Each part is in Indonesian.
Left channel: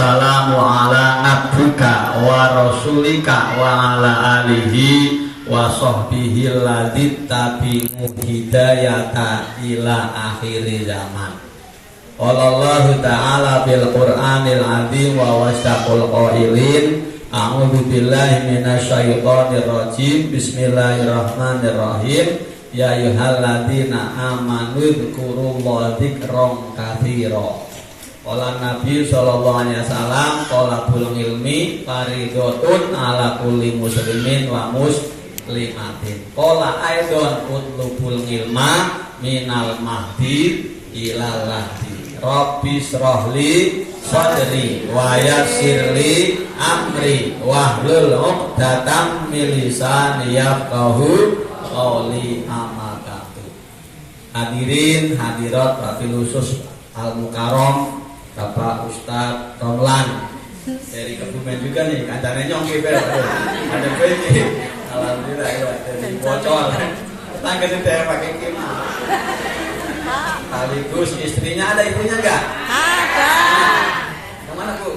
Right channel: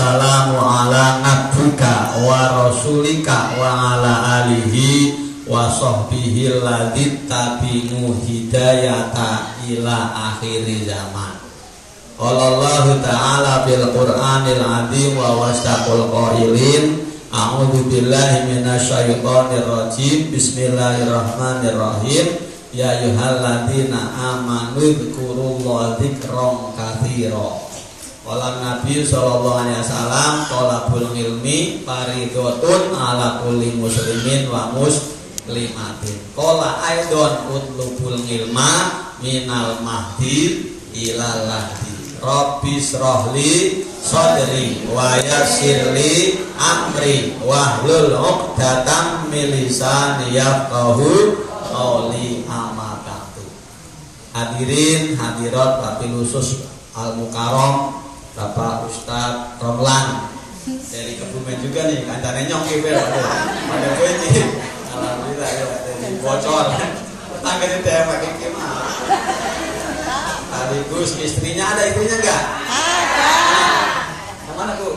wassalamu ala abdika wa rasulika wa ala alihi wa sahbihi alladzi tabi'u hidayata ila akhir zaman. Qala Allah ta'ala bil Qur'anil azim wa wasaqul qailin a'udzu billahi minasyaitonir rajim. Bismillahirrahmanirrahim. Ya ayyuhalladzina amanu dzkurullaha dzikran katsira. Qala Nabi sallallahu alaihi wasallam talabul ilmi fardhatun ala kulli muslimin wa muslimatin. Qala aidon utlubul ilma minal mahdi ilal lahdi. Rabbi shrahli sadri wa yassirli amri wahlul 'uqdatam min lisani yafqahu qawli amakatu. Hadirin hadirat Bapak Khusus Al Mukarram Bapak Ustadz Romlan dari Kebumen juga nih, kandannya nyongki ber ada gue ini. Alhamdulillah ya, jadi bocor tangga di daerah pakai kemah. Sekaligus istrinya, ada ibunya enggak? Ada. Kemana Bu?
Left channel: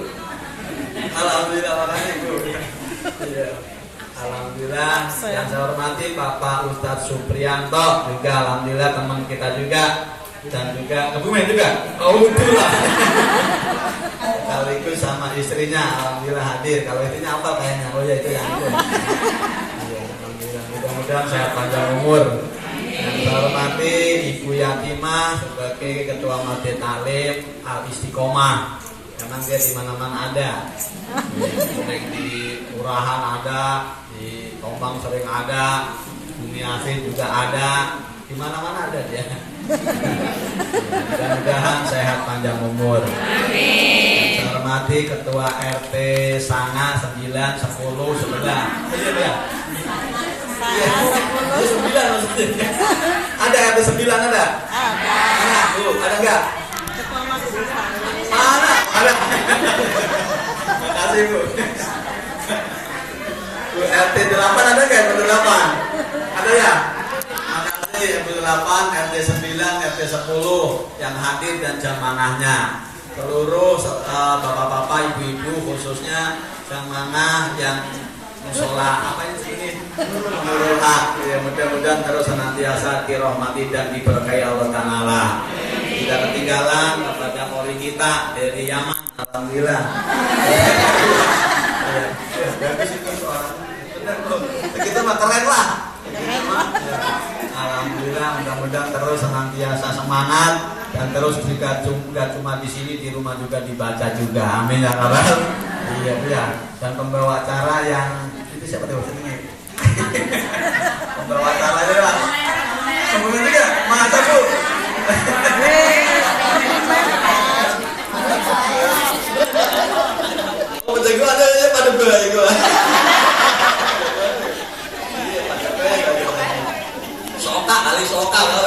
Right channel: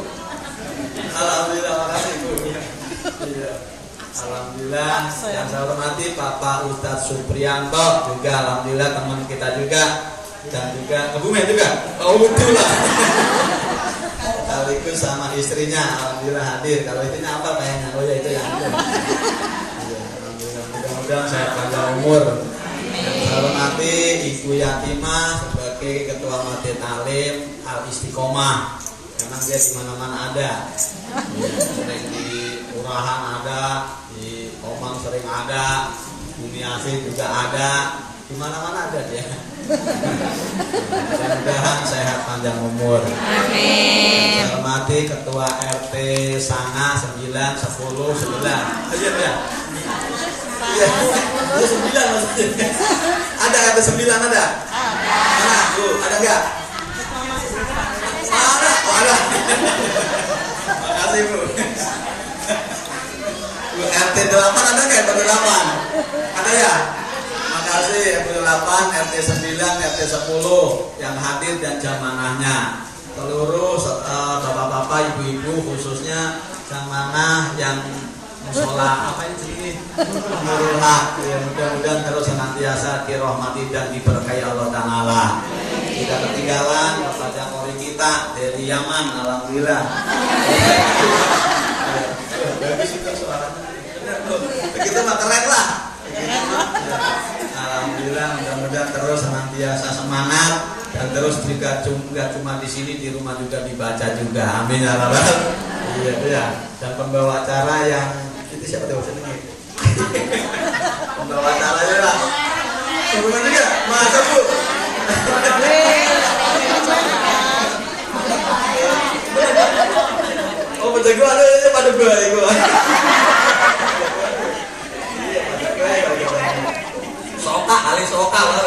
Alhamdulillah, makasih Bu. Iya. Alhamdulillah, yang saya hormati Bapak Ustadz Supriyanto juga, alhamdulillah teman kita juga, dan juga Kebumen juga. Oh betul lah. Sekaligus sama istrinya, alhamdulillah hadir. Kalau istrinya apa kayaknya? Oh ya itu ya. Alhamdulillah, mudah-mudahan saya panjang umur. Saya hormati Ibu Yatimah sebagai Ketua Majelis Talim Al Istiqomah. Memang dia di mana-mana ada. Sering di Urahan ada, di Tombang sering ada, Bumi Asih juga ada, di mana-mana ada dia. Mudah-mudahan sehat panjang umur. Amin. Saya hormati Ketua RT Sana 9, 10, 11. Aja ya. Iya, 9 maksudnya. Ada RT 9 ada? Ada. Mana? Tuh, ada enggak? Mana? Ada. Makasih Bu. Bu RT 8 ada enggak? RT 8? Ada ya? Makasih RT 8, RT 9, RT 10 yang hadir dan jamaahnya. Seluruh bapak-bapak, ibu-ibu khususnya jamaah yang musola apa ini Nurul Haq ya, mudah-mudahan terus senantiasa dirahmati dan diberkahi Allah Ta'ala. Tidak ketinggalan kepada murid kita dari Yaman, alhamdulillah. Bagus itu suaranya. Kita mah keren lah. Alhamdulillah, mudah-mudahan terus senantiasa semangat dan terus jika cuma di sini, di rumah juga dibaca juga. Amin ya rabbal. Iya iya. Dan pembawa acara yang itu siapa tuh ini? Pembawa acaranya lah. Kemudian juga masa Bu. Oh jago ada pada bayi gua. Iya pada bayi. Soka kali soka lah.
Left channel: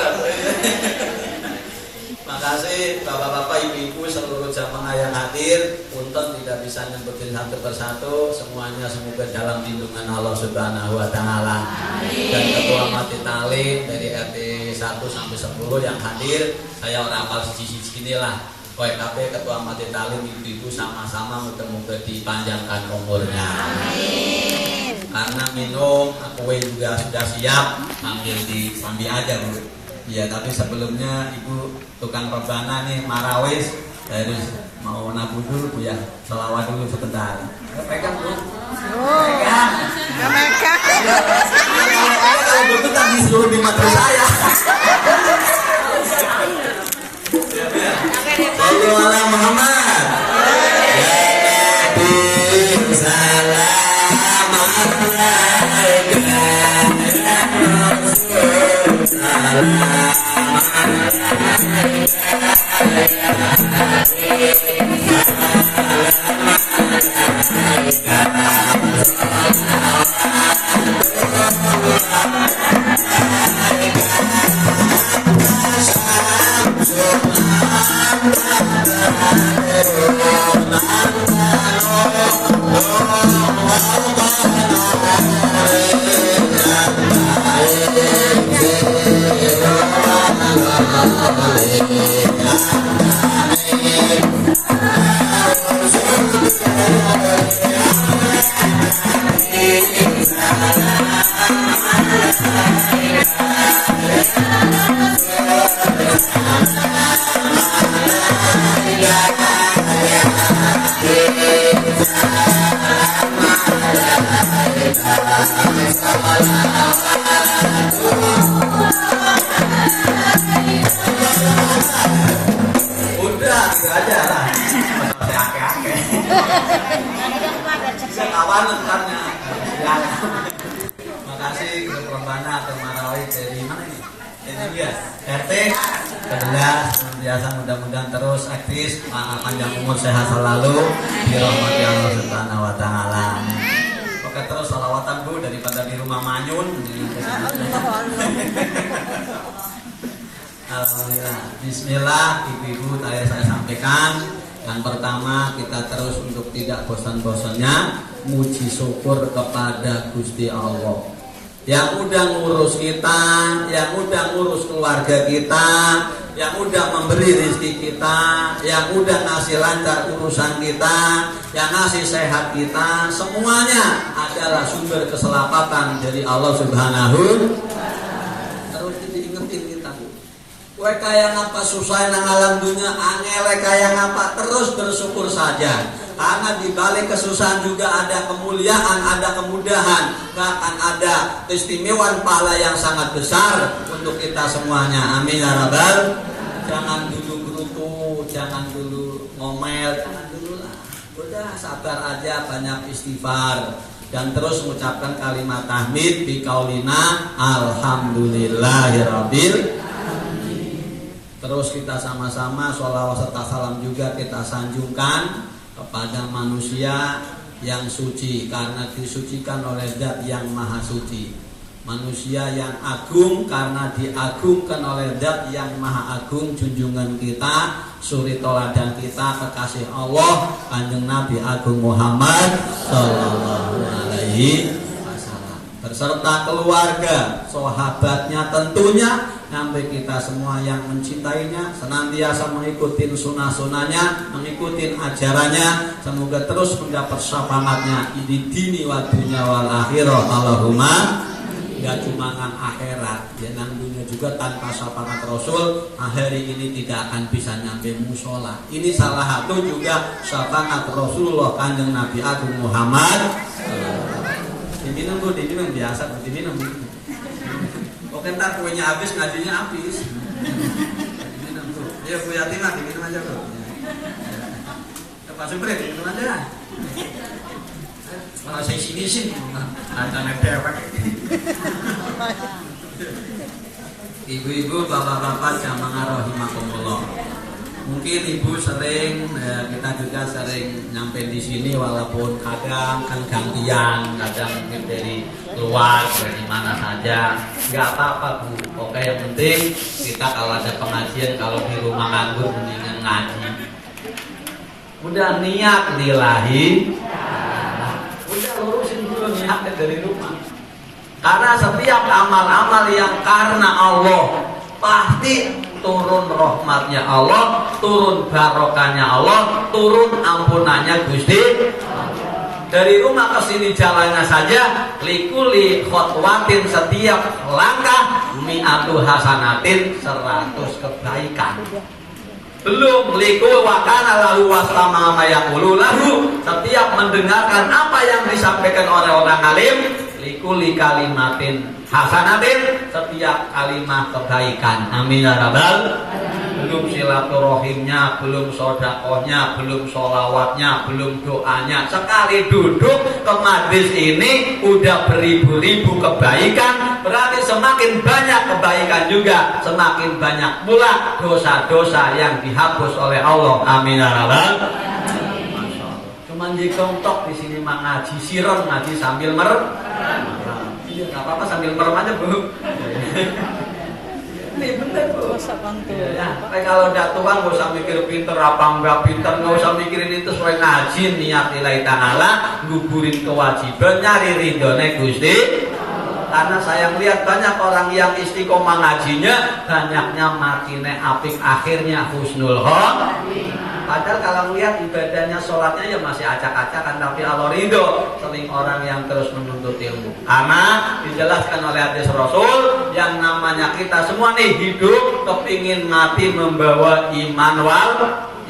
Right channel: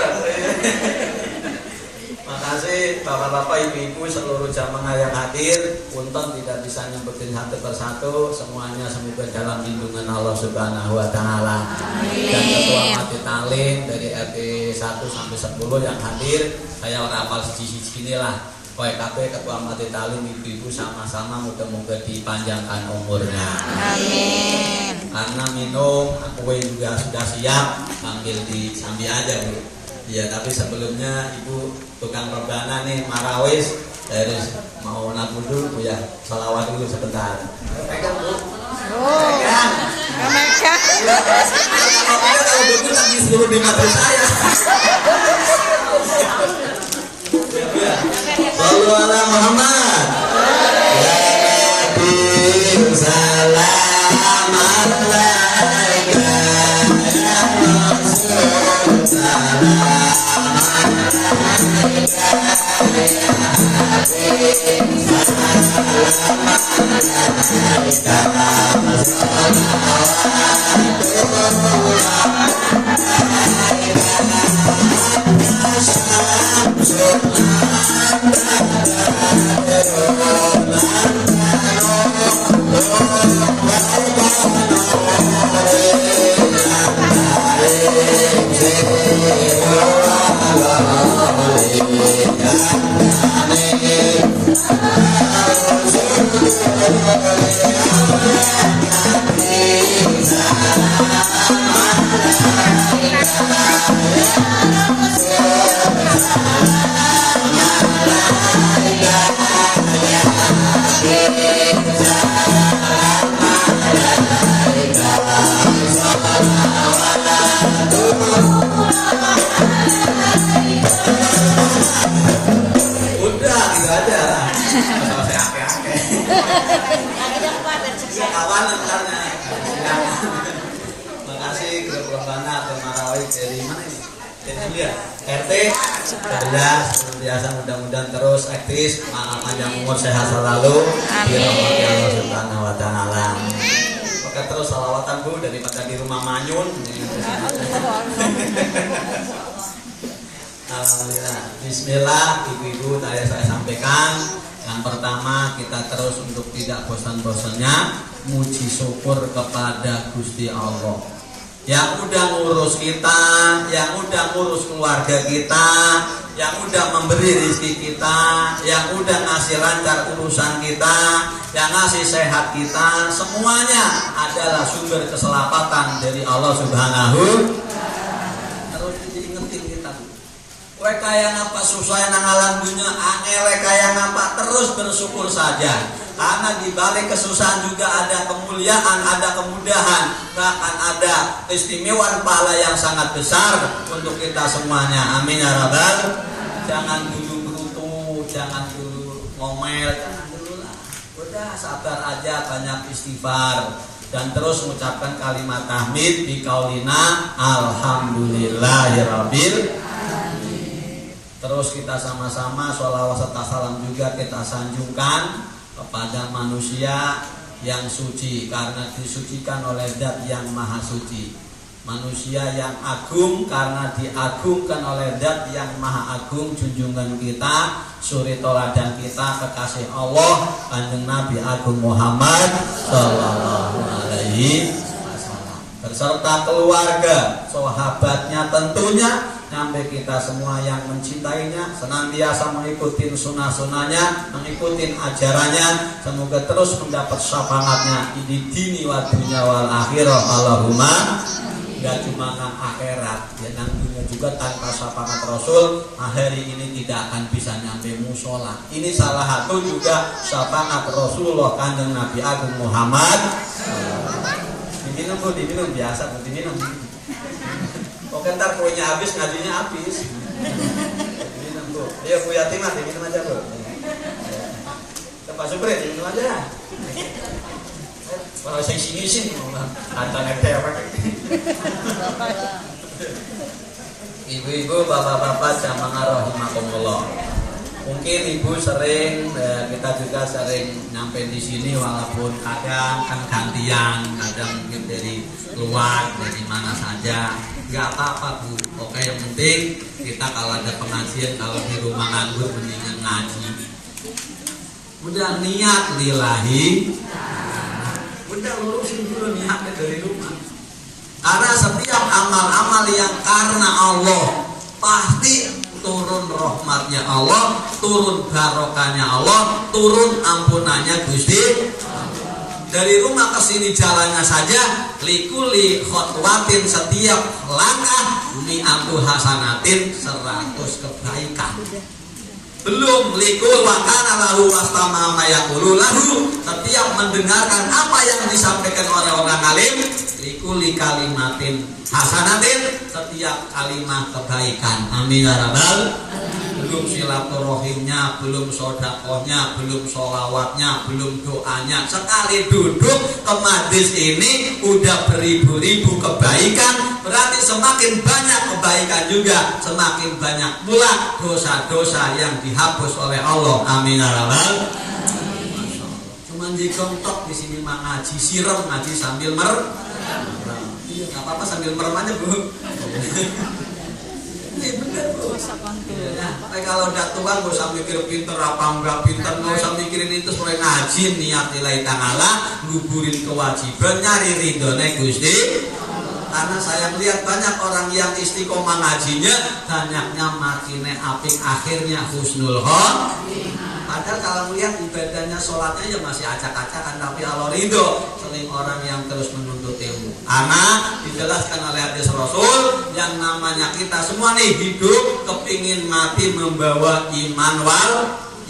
Makasih bapak-bapak, ibu-ibu, seluruh jamaah yang hadir. Punten tidak bisa nyebutin satu persatu, semuanya semoga dalam lindungan Allah Subhanahu wa Ta'ala. Dan Ketua Majelis Talim dari RT 1 sampai 10 yang hadir, saya orang apal siji-siji lah. KP Ketua Majelis Talim, ibu-ibu sama-sama moga-moga dipanjangkan umurnya. Amin. Karena minum, kue juga sudah siap, sambil aja Bu. Ya, tapi sebelumnya Ibu tukang rebana nih Marawis harus mau nabung dulu Bu ya. Selawat dulu sebentar. Pegang Bu. Pegang. Kalau betul lagi seluruh di mata saya. Sallu ala Muhammad. Ya Nabi salam alaika ya Rasul salam. Udah, gitu aja lah. Saya ake-ake. Kawanan karena. Makasih ke Perbana atau Marawi dari mana ini? Dari dia. RT 11 biasa, mudah-mudahan terus aktif, panjang umur, sehat selalu, dirahmati Allah Subhanahu wa taala. Oke, terus salawatan Bu daripada di rumah manyun. Alhamdulillah. Bismillah, ibu-ibu saya sampaikan. Yang pertama, kita terus untuk tidak bosan-bosannya muji syukur kepada Gusti Allah yang udah ngurus kita, yang udah ngurus keluarga kita, yang udah memberi rezeki kita, yang udah ngasih lancar urusan kita, yang ngasih sehat kita. Semuanya adalah sumber keselamatan dari Allah Subhanahu. Kaya ngapa susah nang alam dunia, angel kaya ngapa, terus bersyukur saja. Karena di balik kesusahan juga ada kemuliaan, ada kemudahan, bahkan ada keistimewaan pahala yang sangat besar untuk kita semuanya. Amin ya rabbal. Jangan dulu beruntung, jangan dulu ngomel, jangan dulu lah. Udah sabar aja, banyak istighfar dan terus mengucapkan kalimat tahmid bi qaulina alhamdulillahirabbil. Terus kita sama-sama sholawat serta salam juga kita sanjungkan kepada manusia yang suci, karena disucikan oleh Zat yang maha suci. Manusia yang agung karena diagungkan oleh Zat yang maha agung. Junjungan kita, suri toladan kita, kekasih Allah, Kanjeng Nabi Agung Muhammad sallallahu alaihi wasallam beserta keluarga, sahabatnya tentunya, sampai kita semua yang mencintainya, senantiasa mengikuti sunnah-sunnahnya, mengikuti ajarannya, semoga terus mendapat syafaatnya di dini wa dunya wal akhirah. Allahumma. Gak cuma nang akhirat, ya nang dunia juga tanpa syafaat Rasul hari ini tidak akan bisa nyampe musola. Ini salah satu juga syafaat Rasulullah Kanjeng Nabi Agung Muhammad. Diminum Bu, diminum biasa, diminum. Ntar kuenya habis, ngajinya habis. Diminum Bu. Ayo Bu Yatimah, diminum aja Bu. Pak Supri, diminum aja. Kalau saya sini antara netewek. Ibu-ibu, bapak-bapak, jamaah rahimakumullah. Mungkin ibu sering, kita juga sering nyampe di sini walaupun kadang gantian, kadang mungkin dari luar, dari mana saja, nggak apa-apa Bu. Oke, yang penting kita kalau ada pengajian, kalau di rumah nganggur mendingan ngaji. Udah niat lillahi, udah lurusin dulu niatnya dari rumah. Karena setiap amal-amal yang karena Allah pasti turun rahmatnya Allah, turun barokahnya Allah, turun ampunannya Gusti. Dari rumah ke sini jalannya saja, likuli khotwatin, setiap langkah mi'atu hasanatin, 100 kebaikan. Belum likul wakana lahu wastama mayakulu lahu, setiap mendengarkan apa yang disampaikan oleh orang alim, likuli kalimatin hasanatin, setiap kalimat kebaikan. Amin ya rabbal. Belum silaturahimnya, belum sodakohnya, belum sholawatnya, belum doanya. Sekali duduk ke majlis ini udah beribu-ribu kebaikan. Berarti semakin banyak kebaikan juga, semakin banyak pula dosa-dosa yang dihapus oleh Allah. Amin ya rabbal. Cuman dikontok di sini mah ngaji sirem, ngaji sambil merem. Iya, nggak apa-apa sambil merem aja Bu. Ini bener Bu. Ya, kalau udah tua nggak usah mikir pinter apa enggak pinter, nggak usah mikirin itu, supaya ngaji niat nilai ta'ala, nguburin kewajiban, nyari ridhone Gusti. Karena saya melihat banyak orang yang istiqomah ngajinya, banyaknya makine apik, akhirnya husnul khotimah. Padahal kalau lihat ibadahnya, sholatnya ya masih acak-acakan, tapi Allah ridho seling orang yang terus menuntut ilmu. Karena dijelaskan oleh hadis Rasul, yang namanya kita semua nih hidup kepingin mati membawa iman wal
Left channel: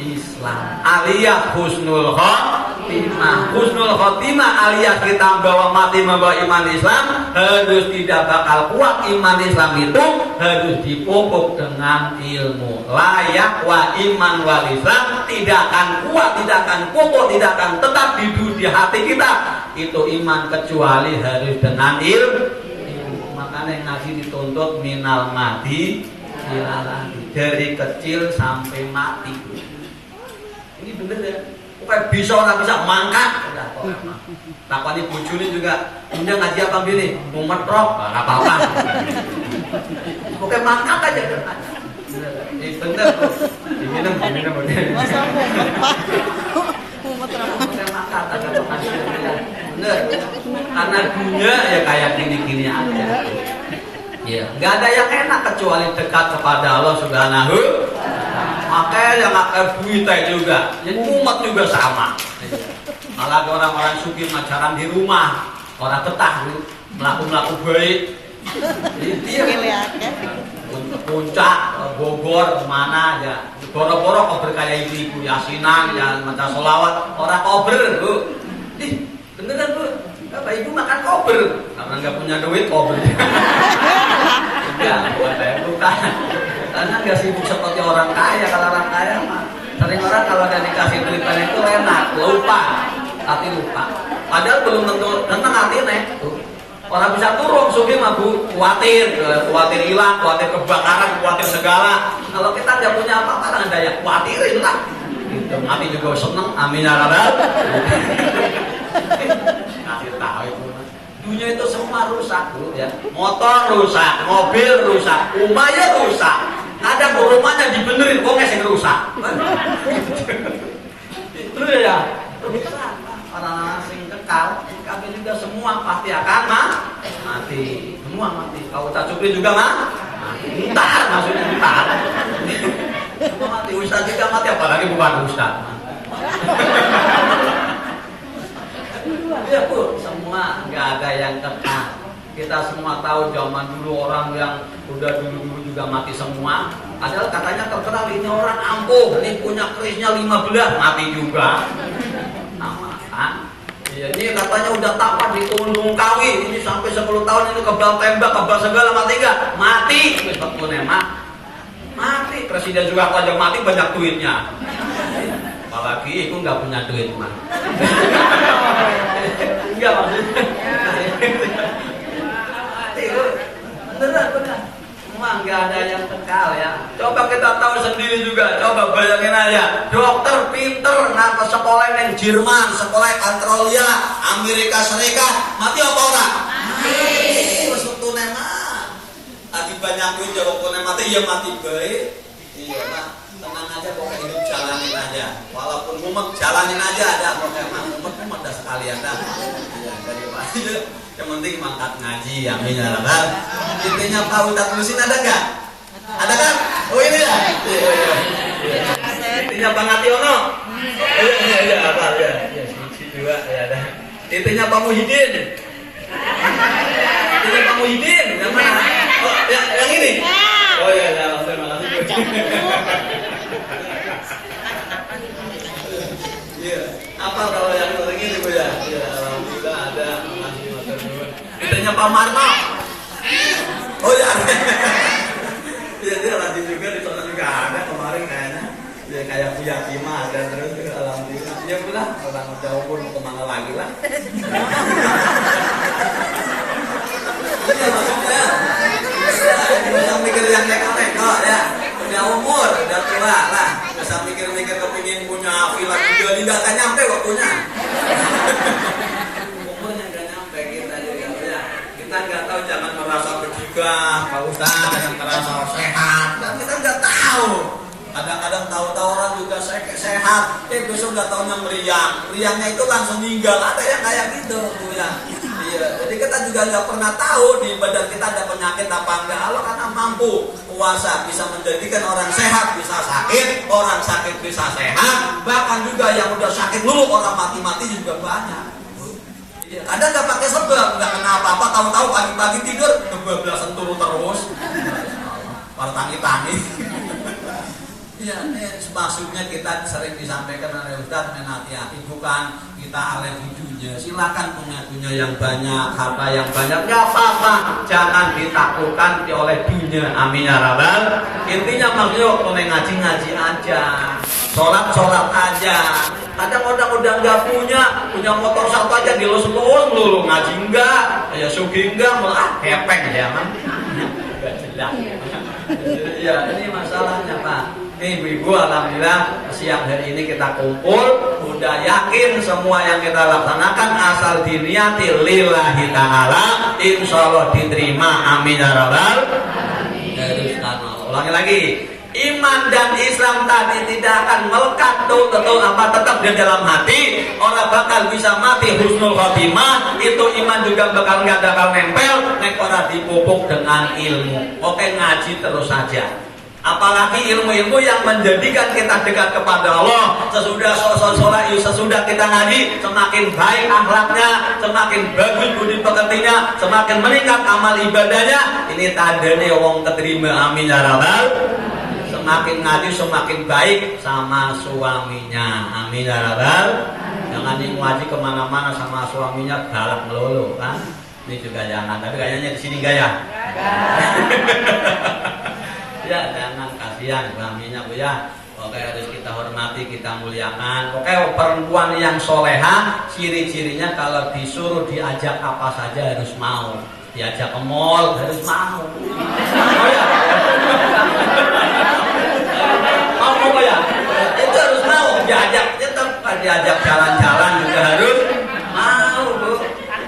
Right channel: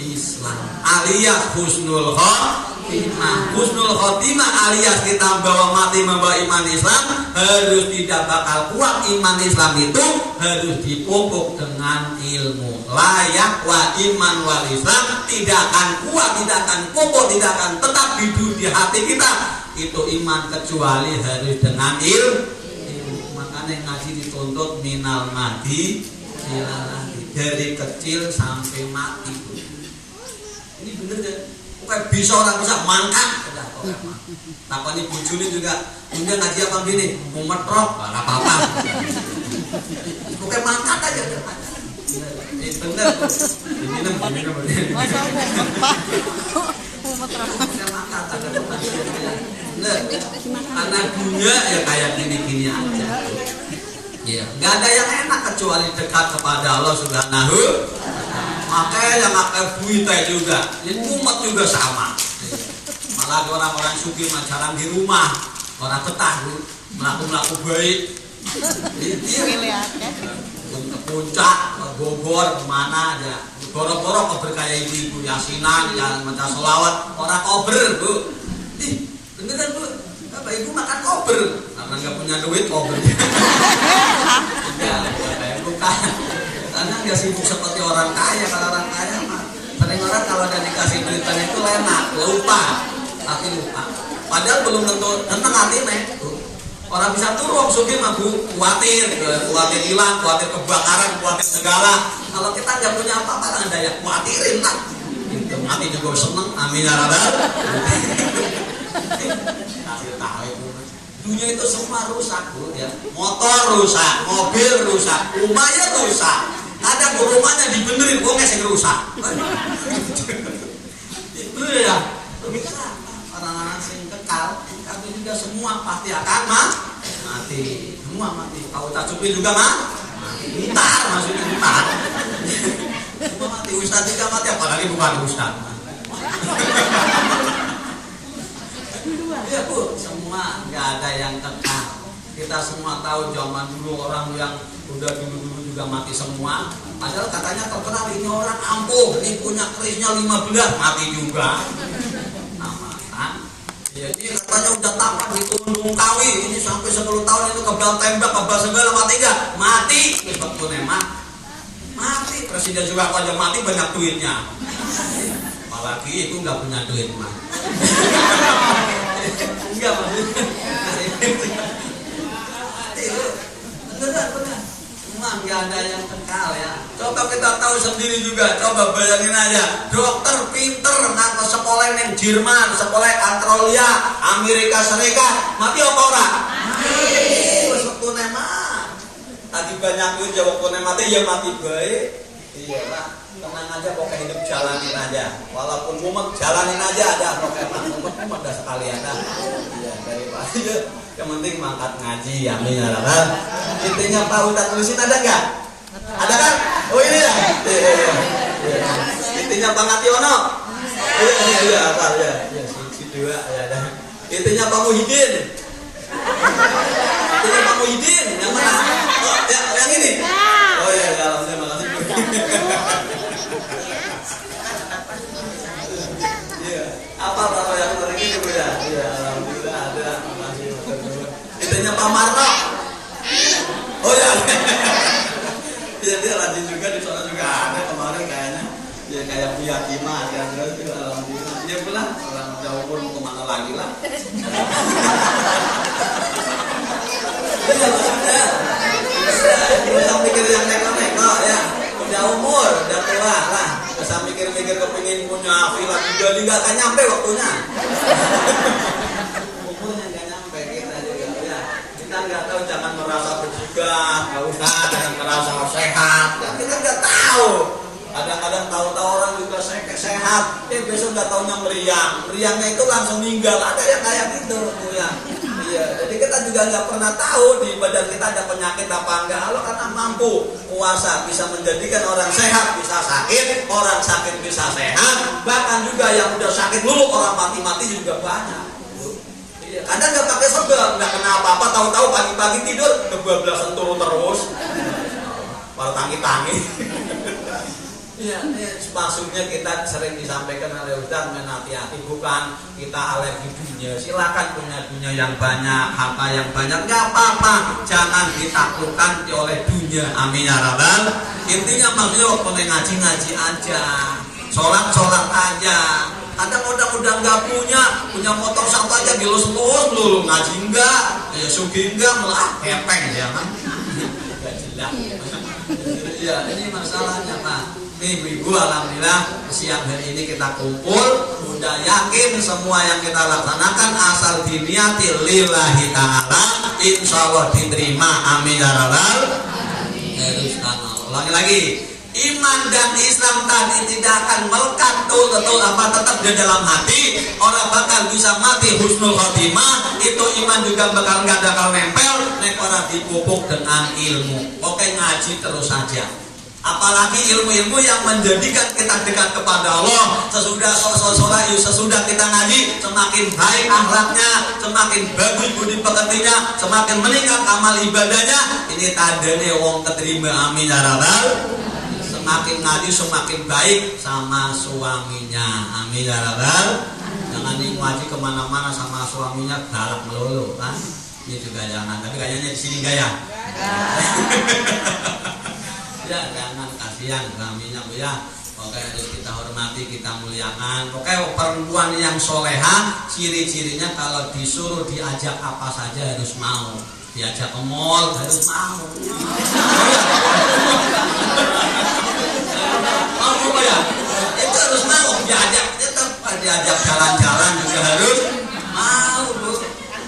Islam, alias husnul khotimah. Husnul khotimah alias kita membawa mati membawa iman Islam, harus tidak bakal kuat iman Islam itu, harus dipupuk dengan ilmu. Layak wa iman wal Islam tidak akan kuat, tidak akan pupuk, tidak akan tetap hidup di hati kita itu iman, kecuali harus dengan ilmu. Makanya ngaji dituntut minal mati dari kecil sampai mati. Ini bener ya, kayak bisa orang bisa mangkat. Takoni bujune juga, punya ngaji apa gini, memetrok, nggak apa-apa. Pokoknya mangkat aja. Ini bener, diminum. Mangkat aja, bener. Karena dunia ya kayak gini-gini aja. Ya, nggak ada yang enak kecuali dekat kepada Allah Subhanahu. Makanya yang akan buita juga, yang umat juga sama. Malah orang-orang sugih jarang di rumah, orang betah melaku baik. Iya, ke puncak, Bogor, kemana aja. Boro-boro kober kayak ibu-ibu yasinan, yang maca sholawat, orang kober bu. Beneran bu, apa ibu makan kober? Karena nggak punya duit kober. Enggak, bukan. Karena nggak sibuk seperti orang kaya. Kalau orang kaya mah sering orang kalau udah dikasih duitnya itu enak, lupa, hati lupa. Padahal belum tentu tenang hati nih. Orang bisa turun, sugih mah bu, khawatir hilang, khawatir kebakaran, khawatir segala. Kalau kita nggak punya apa-apa, nggak daya khawatirin lah. Gitu, mati juga seneng, amin ya rabbal. Kasih tahu itu. Dunia itu semua rusak bu ya. Motor rusak, mobil rusak, rumahnya rusak. Ada rumahnya dibenerin, kok nggak sih rusak? Itu ya. Rusak. Orang-orang sing kekal, kami juga semua pasti akan mati. Semua mati. Kau cacupin juga mati. Ntar maksudnya ntar. Semua mati. Ustaz juga mati, apalagi bukan ustaz. Ya bu, semua nggak ada yang kekal. Kita semua tahu zaman dulu orang yang udah dulu juga mati semua. Padahal katanya terkenal ini orang ampuh, ini punya kerisnya 15 mati juga. Ya, ini katanya udah tapat di Gunung Kawi, ini sampai 10 tahun ini kebal tembak, kebal segala mati enggak? Mati. Mati. Presiden juga kalau mati banyak duitnya. Apalagi itu nggak punya duit mah. Enggak maksudnya. Beneran. Semua nggak ada yang kekal ya. Coba kita tahu sendiri juga. Coba bayangin aja. Dokter pinter nggak ke sekolah yang Jerman, sekolah Australia, Amerika Serikat, mati apa orang? Mati. Waktu nemah. Lagi banyak duit ya waktu mati ya mati baik. Iya lah. Tenang aja pokoknya hidup jalanin aja. Walaupun mumet jalanin aja ada. Pokoknya mumet dah sekalian dah. Iya daripada. Yang penting mangkat ngaji, amin ya rabbal. Intinya tahu tak terusin ada nggak? Ada kan? Oh ini ya. Intinya Bang Ationo. Iya, apa ya? Si dua ya ada. Intinya Pak Muhyiddin. Intinya Pak Muhyiddin yang mana? Oh, yang ini. Oh iya, alhamdulillah. Iya. Apa kalau yang orang ini bu ya? Iya, alhamdulillah ada. Ditanya Pak Marno. Oh ya. Iya dia lanjut juga di sana juga ada kemarin kayaknya. Ya kayak Buya Kima ada terus alhamdulillah. Dia bilang orang jauh pun kemana lagi lah. Iya maksudnya. Bisa mikir yang neko-neko ya. Udah umur, udah tua lah. Bisa mikir-mikir kepingin punya villa juga nggak akan nyampe waktunya. Kita nggak tahu, jangan merasa bergibah, Pak Ustaz, jangan merasa sehat. Dan kita nggak tahu. Kadang-kadang tahu-tahu orang juga sehat, besok nggak tahunya meriang. Meriangnya itu langsung meninggal. Ada yang kayak gitu, Bu ya. Iya, jadi kita juga nggak pernah tahu di badan kita ada penyakit apa enggak. Allah karena mampu kuasa bisa menjadikan orang sehat bisa sakit, orang sakit bisa sehat, bahkan juga yang udah sakit dulu orang mati juga banyak. Iya, kadang nggak pakai sebab, nggak kena apa-apa, tahu-tahu pagi-pagi tidur kebablasan turun terus, malah tangi-tangi. Iya, maksudnya kita sering disampaikan oleh Ustaz menhati-hati, bukan kita alergi dunia. Silakan punya dunia yang banyak, harta yang banyak, nggak apa-apa. Jangan ditaklukkan oleh dunia. Amin ya rabbal. Intinya maksudnya boleh ngaji aja, sholat aja. Kadang orang udah nggak punya motor satu aja dilus-lus melulu, ngaji enggak, ya sugi enggak, malah kepeng ya kan? Nggak jelas. Iya, ini masalahnya Pak. Ibu-ibu, alhamdulillah siang hari ini kita kumpul, udah yakin semua yang kita laksanakan asal diniati lillahi ta'ala, insya Allah diterima. Amin ya rabbal alamin. Ulangi lagi, iman dan Islam tadi tidak akan melekat betul apa tetap di dalam hati. Orang bakal bisa mati husnul khotimah, itu iman juga bakal nggak bakal nempel. Nek orang dipupuk dengan ilmu. Oke, ngaji terus saja. Apalagi ilmu-ilmu yang menjadikan kita dekat kepada Allah. Sesudah kita ngaji, semakin baik akhlaknya, semakin bagus budi pekertinya, semakin meningkat amal ibadahnya. Ini tandanya wong keterima. Amin ya rabbal. Semakin ngaji semakin baik sama suaminya. Amin ya rabbal. Jangan ngaji kemana-mana sama suaminya galak melulu kan. Ini juga jangan. Tapi kayaknya di sini enggak ya? Ya jangan, kasihan suaminya Bu ya. Oke, harus kita hormati, kita muliakan. Oke, perempuan yang soleha ciri-cirinya kalau disuruh diajak apa saja harus mau. Diajak ke mall harus mau. Mau ya? Itu harus mau. Diajak jalan-jalan juga harus mau Bu.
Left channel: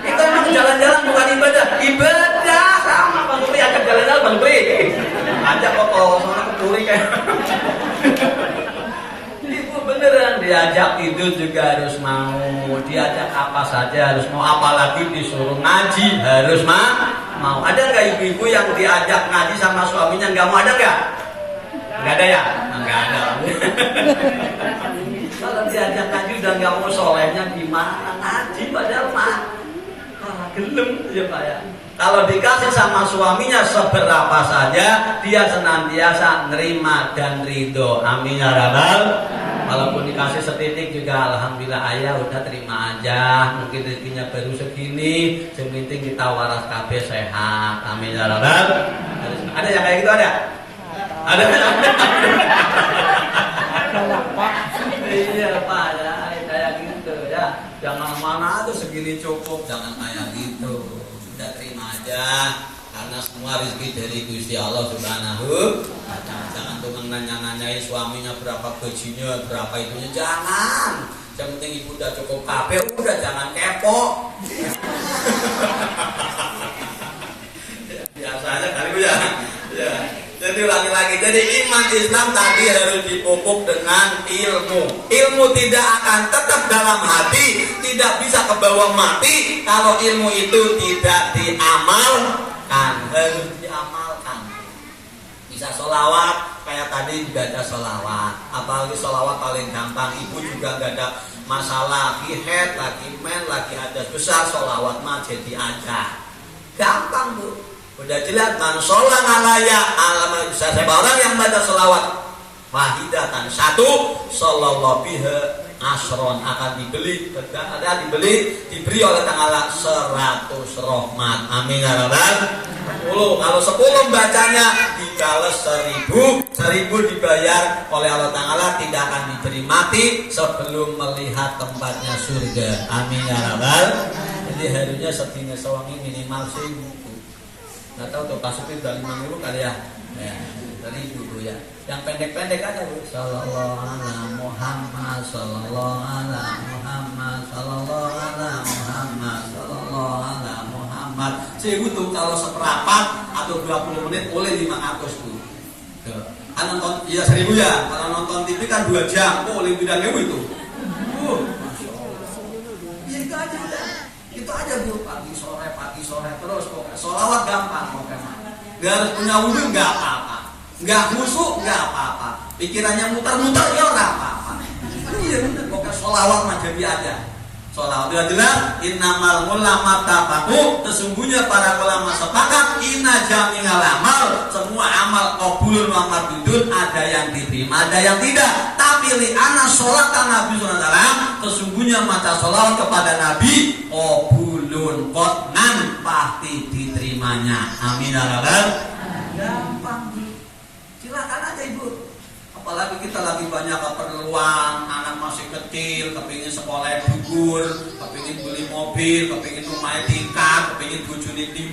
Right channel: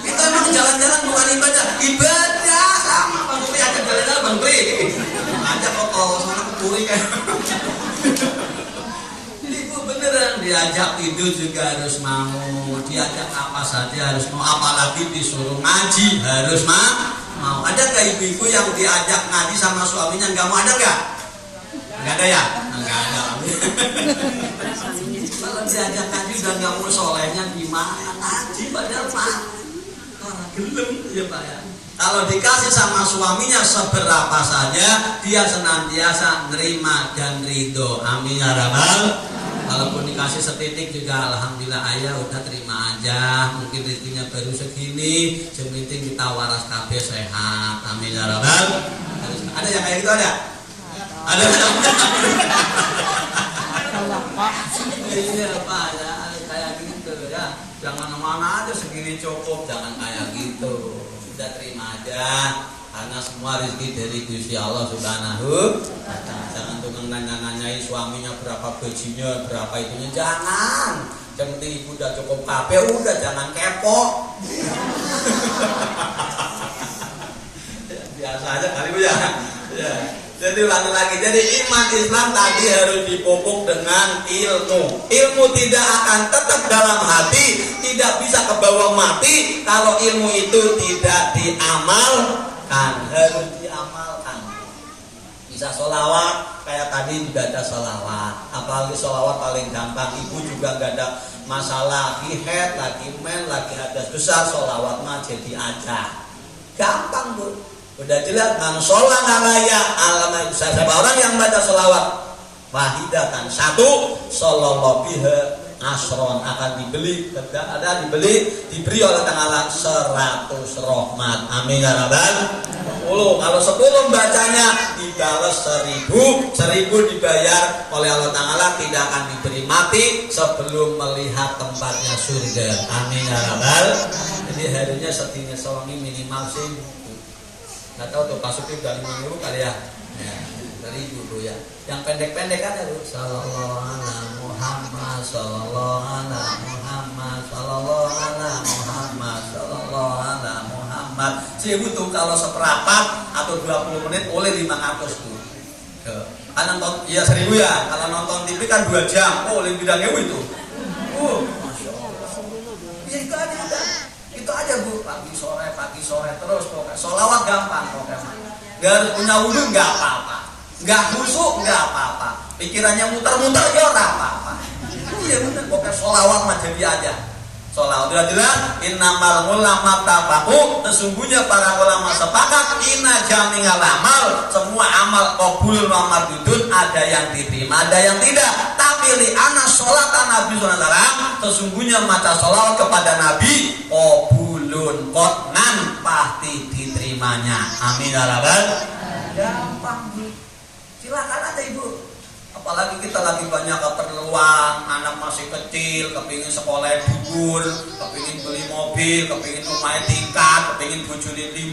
Itu emang jalan-jalan bukan ibadah. Ibadah sama Bang Beli, ajak jalan-jalan Bang Beli. Ajak kok sana kepuri kayak. Ibu beneran diajak tidur juga harus mau, diajak apa saja harus mau, apalagi disuruh ngaji harus mau. Ada nggak ibu-ibu yang diajak ngaji sama suaminya nggak mau, ada nggak? Nggak ada ya? Nggak ada. Kalau diajak ngaji udah nggak mau, solehnya gimana ngaji padahal mah orang gelem ya Pak ya. Kalau dikasih sama suaminya seberapa saja, dia senantiasa nerima dan ridho. Amin ya rabbal. Walaupun dikasih setitik juga alhamdulillah ayah udah terima aja. Mungkin rezekinya baru segini, sementing kita waras kabeh sehat. Amin ya rabbal. Ada yang kayak gitu ada? Ada. Iya Pak ya, kayak gitu ya. Jangan mana aja segini cukup, jangan kayak gitu. Udah terima aja, karena semua rezeki dari Gusti Allah Subhanahu wa ta'ala. Jangan tukang nanya-nanyain suaminya berapa gajinya, berapa itunya, jangan. Yang penting ibu udah cukup kabeh, udah jangan kepo. Biasa aja kali Bu ya. Ya. Jadi lagi-lagi, jadi iman Islam tadi harus dipupuk dengan ilmu. Ilmu tidak akan tetap dalam hati, tidak bisa ke bawah mati kalau ilmu itu tidak diamalkan. Harus diamalkan. Bisa sholawat, kayak tadi juga ada sholawat. Apalagi sholawat paling gampang. Ibu juga gak ada masalah, lagi head, lagi men, lagi ada besar, sholawat mah jadi aja. Gampang Bu. Udah jelas, man sholat alaya alaman bisa. Siapa orang yang baca sholawat wahidatan satu, sallallahu biha asron, akan dibeli diberi oleh Ta'ala 100 rahmat. Amin ya rabbal. 10, kalau 10 bacanya dibales 1000 dibayar oleh Allah Ta'ala, tidak akan diberi mati sebelum melihat tempatnya surga. Amin ya rabbal. Jadi harinya segini songi minimal sih. Nggak tahu tuh Pak Supir udah 5.000 kali ya. Ya, 1.000 Bu ya. Yang pendek-pendek aja Bu. Sallallahu ala Muhammad, sallallahu ala Muhammad, sallallahu ala Muhammad, sallallahu ala Muhammad. 1.000 tuh kalau seperempat atau 20 menit boleh 500 tuh. Kan nonton ya 1.000 ya. Kalau nonton TV kan 2 jam. Oh, lebih dari itu. Masya Allah. Ya itu aja udah. Itu aja Bu. pagi sore terus pokoknya. Sholawat gampang pokoknya. Gak harus punya wudhu gak apa-apa. Gak khusyuk gak apa-apa. Pikirannya muter-muter ya gak apa-apa. Iya bener pokoknya sholawat mah jadi aja. Sholawat jelas innamal ulama tafaku, sesungguhnya para ulama sepakat inna jami'al amal, semua amal qabul wa mardudun, ada yang diterima ada yang tidak. Tapi li anna sholatan Nabi sallallahu alaihi wasallam, sesungguhnya maca sholawat kepada Nabi qabulun qat'an, pasti diterimanya. Amin ya rabbal. Gampang Bu. Silakan aja Ibu. Apalagi kita lagi banyak keperluan, anak masih kecil, kepingin sekolah gugur, kepingin beli mobil, kepingin rumah tingkat, kepingin bujuni 5.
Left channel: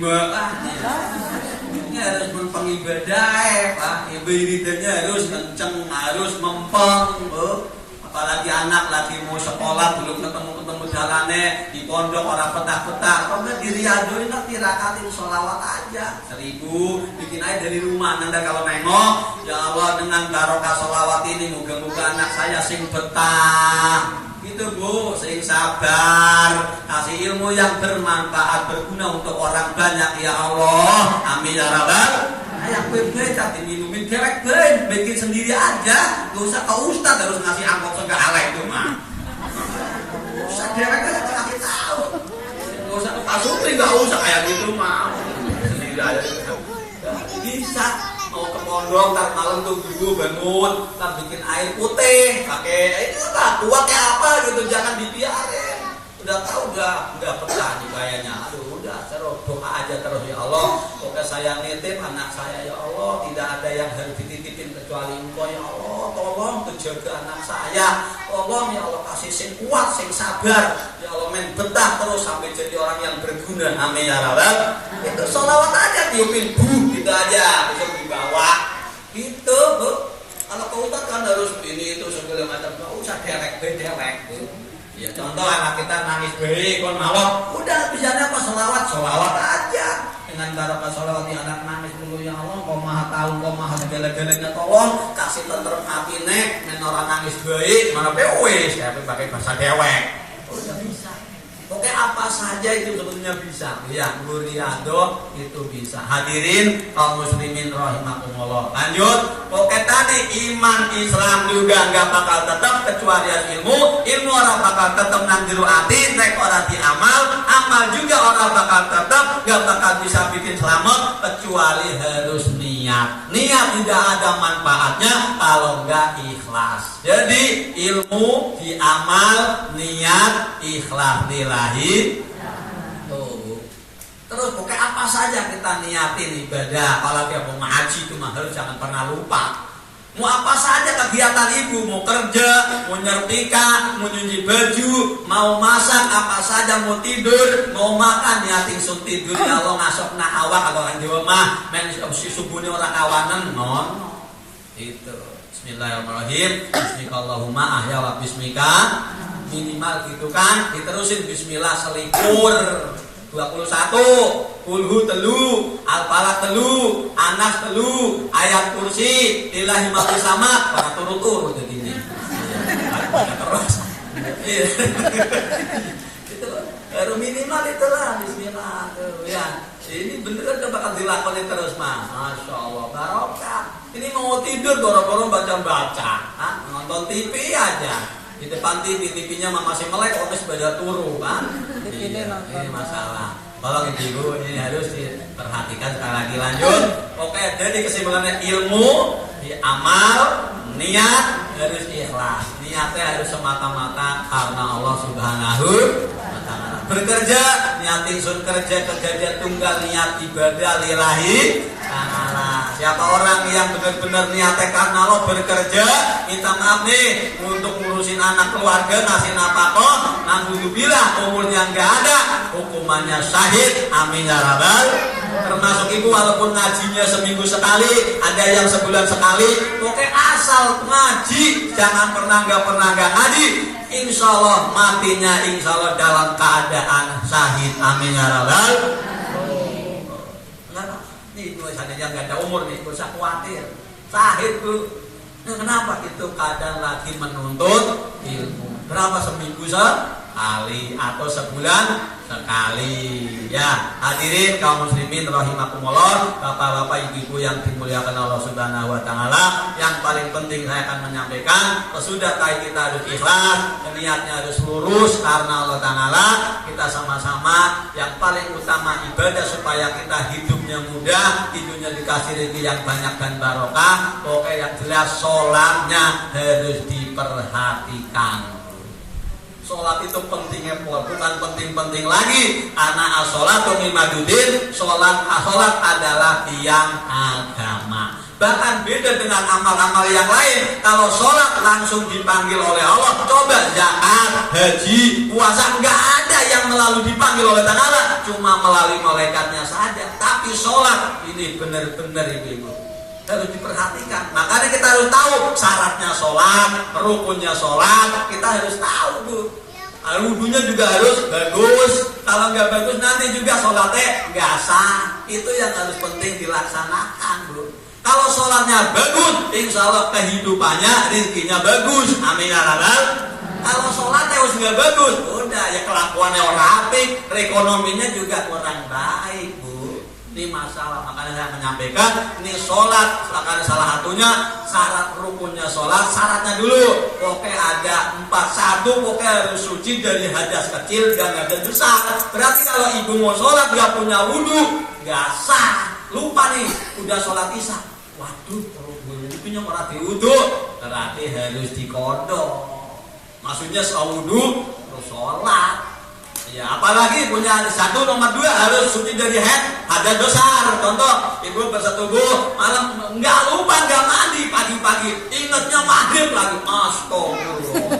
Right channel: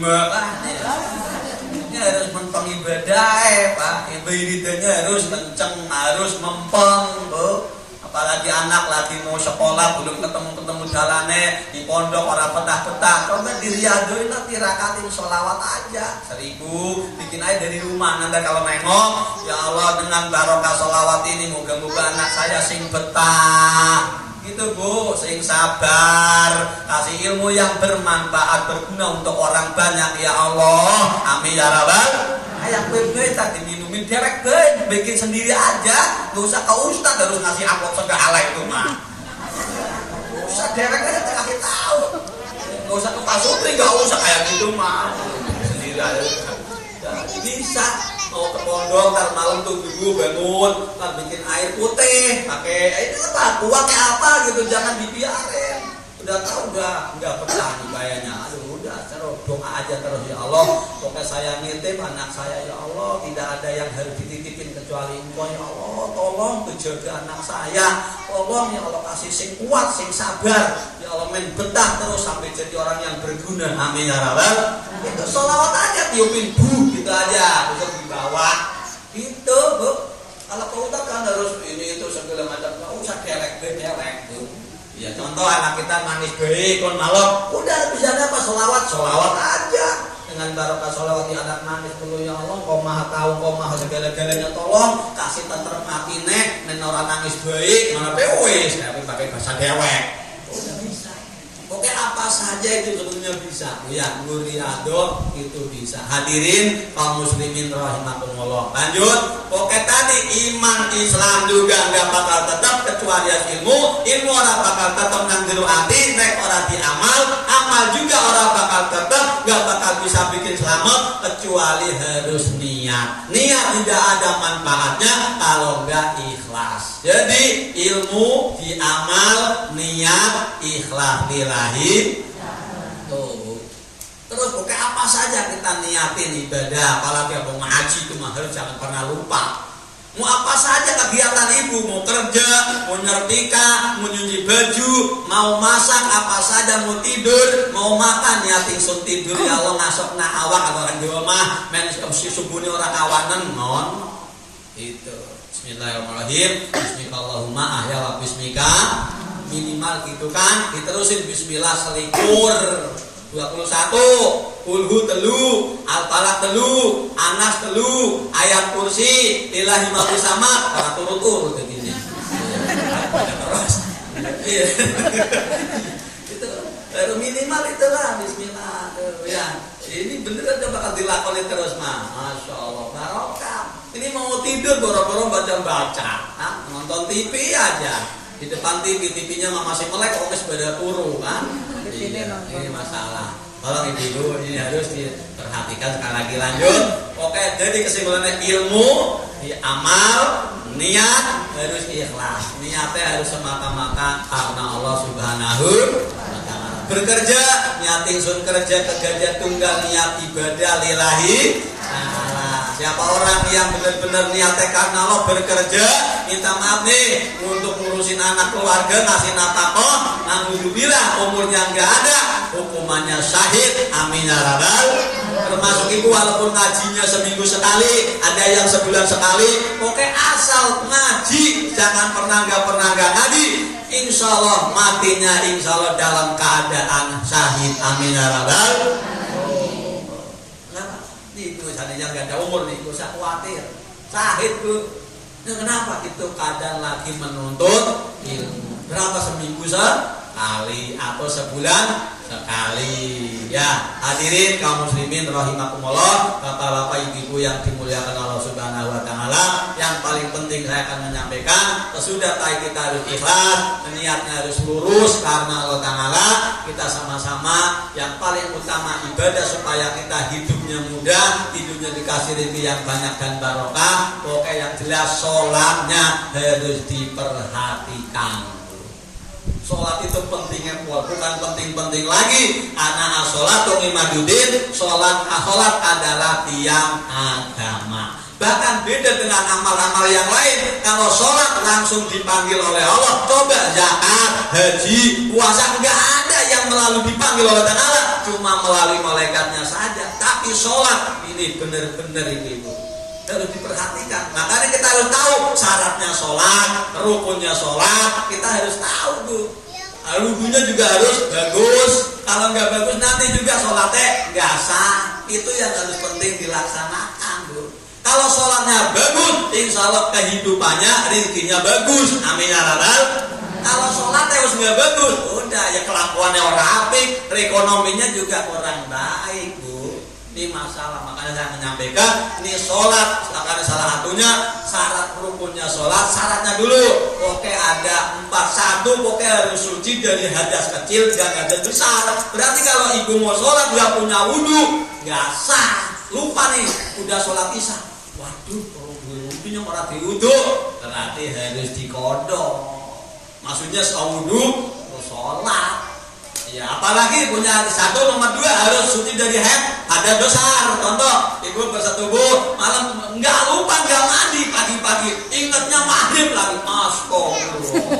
Ini harus mengibadah, Pak. Ibadahnya harus kenceng, harus mempeng, Bu. Apalagi anak lagi mau sekolah belum ketemu jalannya di pondok orang petah-petah, kalau nggak diriaduin nanti rakatin sholawat aja 1000, bikin aja dari rumah. Nanti kalau nengok, ya Allah dengan barokah sholawat ini moga-moga anak saya sing betah, gitu Bu, sing sabar, kasih ilmu yang bermanfaat berguna untuk orang banyak ya Allah, amin ya rabbal. Kayak gue tadi minumin dewek gue, bikin sendiri aja, gak usah ke ustad harus ngasih angkot segala itu mah. Gak usah dewek aja kasih tahu, gak usah ke pasutri, gak usah kayak gitu mah, sendiri aja. Bisa mau ke pondok ntar malam tuh dulu bangun, ntar bikin air putih, pakai ini apa, kuat kayak apa gitu, jangan dibiarin. Udah tahu nggak pernah kayaknya. Aduh udah terus doa aja terus ya Allah. Pokoknya saya nitip anak saya ya Allah, tidak ada yang harus dititipin kecuali Engkau ya Allah. Tolong menjaga anak saya. Tolong ya Allah kasih sing kuat, sing sabar. Ya Allah men betah terus sampai jadi orang yang berguna. Amin ya rabbal. Itu sholawat aja tiupin Bu gitu aja untuk dibawa. Gitu Bu. Kalau kau kan harus ini itu segala macam. Nggak usah derek Bu. Ya contoh anak kita nangis bayi kon malam, udah bisanya apa sholawat aja. Dengan barokah sholawat di anak nangis dulu ya Allah, kau maha tahu, kau maha segala-galanya, tolong kasih tentrem hati nek menora nangis bayi mana pewes tapi pakai bahasa dewek. Udah bisa. Oke apa saja itu sebetulnya bisa. Ya muriado itu bisa. Hadirin kaum muslimin rahimakumullah. Lanjut. Oke tadi iman Islam juga nggak bakal tetap kecuali ilmu orang bakal tetap nanggiru hati, nek orang diamal, amal juga orang bakal tetap nggak bakal bisa bikin selamat kecuali harus niat. Niat tidak ada manfaatnya kalau nggak ikhlas. Jadi ilmu diamal, niat, ikhlas lillahi. Tuh. Terus pokoknya apa saja kita niatin ibadah, apalagi mau ngaji itu mah harus jangan pernah lupa. Mau apa saja kegiatan ibu, mau kerja, mau nyetrika, mau nyuci baju, mau masak, apa saja, mau tidur, mau makan, niatin sun tidur kalau ngasok na awak kalau orang Jawa mah men subuhnya orang awanan non. Itu. Bismillahirrahmanirrahim. Bismillahirrahmanirrahim. Ahya wa bismika. Minimal gitu kan. Diterusin bismillah selikur 21. Kulhu telu, al-falaq telu, anas telu, ayat kursi, lillahi ma fis sama, pada turut-turut begini. Terus. Itu baru minimal itulah bismillah. Ya. Ini beneran coba bakal dilakoni terus mah. Masya Allah barokah. Ini mau tidur boro-boro baca-baca, nonton TV aja. Di depan TV-nya masih melek, orang sepeda turu kan. Iya, ini masalah. Tolong ibu ini harus diperhatikan sekali lagi. Lanjut. Oke, jadi kesimpulannya ilmu, amal, niat harus ikhlas. Niatnya harus semata-mata karena Allah Subhanahu wa ta'ala. Bekerja, niatin sun kerja kerja tunggal niat ibadah lillahi ta'ala. Siapa orang yang benar-benar niatnya karena Allah bekerja, minta maaf nih untuk ngurusin anak keluarga, ngasih nafkah, alhamdulillah umurnya nggak ada, hukumannya syahid. Amin ya rabbal. Termasuk ibu walaupun ngajinya seminggu sekali, ada yang sebulan sekali, pokoknya asal ngaji, jangan pernah nggak ngaji, insya Allah matinya insya Allah dalam keadaan syahid. Amin ya rabbal. Nih gue yang gak ada umur nih, gue usah khawatir. Syahid gue. Nah, kenapa? Itu keadaan lagi menuntut ilmu. Berapa seminggu sekali atau sebulan sekali. Ya, hadirin kaum muslimin rahimakumullah, bapak-bapak ibu-ibu yang dimuliakan Allah Subhanahu wa taala, yang paling penting saya akan menyampaikan, sesudah kita harus ikhlas, niatnya harus lurus karena Allah taala. Kita sama-sama yang paling utama ibadah supaya kita hidupnya mudah, hidupnya dikasih rezeki yang banyak dan barokah. Oke, yang jelas sholatnya harus diperhatikan. Sholat itu pentingnya bukan penting-penting lagi. Anak as-sholatu nimadudin. Sholat adalah tiang agama. Bahkan beda dengan amal-amal yang lain. Kalau sholat langsung dipanggil oleh Allah. Coba zakat, haji, puasa, nggak ada yang melalui dipanggil oleh Allah, cuma melalui malaikatnya saja. Tapi sholat ini benar-benar ibu harus diperhatikan. Makanya kita harus tahu syaratnya sholat, rukunnya sholat, kita harus tahu tuh. Wudhunya juga harus bagus. Kalau nggak bagus nanti juga sholatnya nggak sah. Itu yang harus penting dilaksanakan, Bu. Kalau sholatnya bagus, insya Allah kehidupannya, rezekinya bagus. Amin ya rabbal. Kalau sholatnya harus nggak bagus, udah ya kelakuannya orang apik, ekonominya juga kurang baik, Bu. Ini masalah. Makanya saya menyampaikan, ini sholat, makanya salah satunya syarat rukunnya sholat, syaratnya dulu. Oke, ada 4. 1, oke harus suci dari hadas kecil dan hadas besar. Berarti kalau ibu mau sholat nggak punya wudhu, nggak sah. Lupa nih, udah sholat isya. Waduh, kalau wudhunya malah diwudhu, berarti harus dikodok. Maksudnya sewudhu terus sholat. Ya, apalagi punya 1, nomor 2 harus suci dari hadas besar. Contoh, ibu bersetubuh malam nggak lupa nggak mandi pagi-pagi, ingatnya maghrib lagi. Astagfirullah.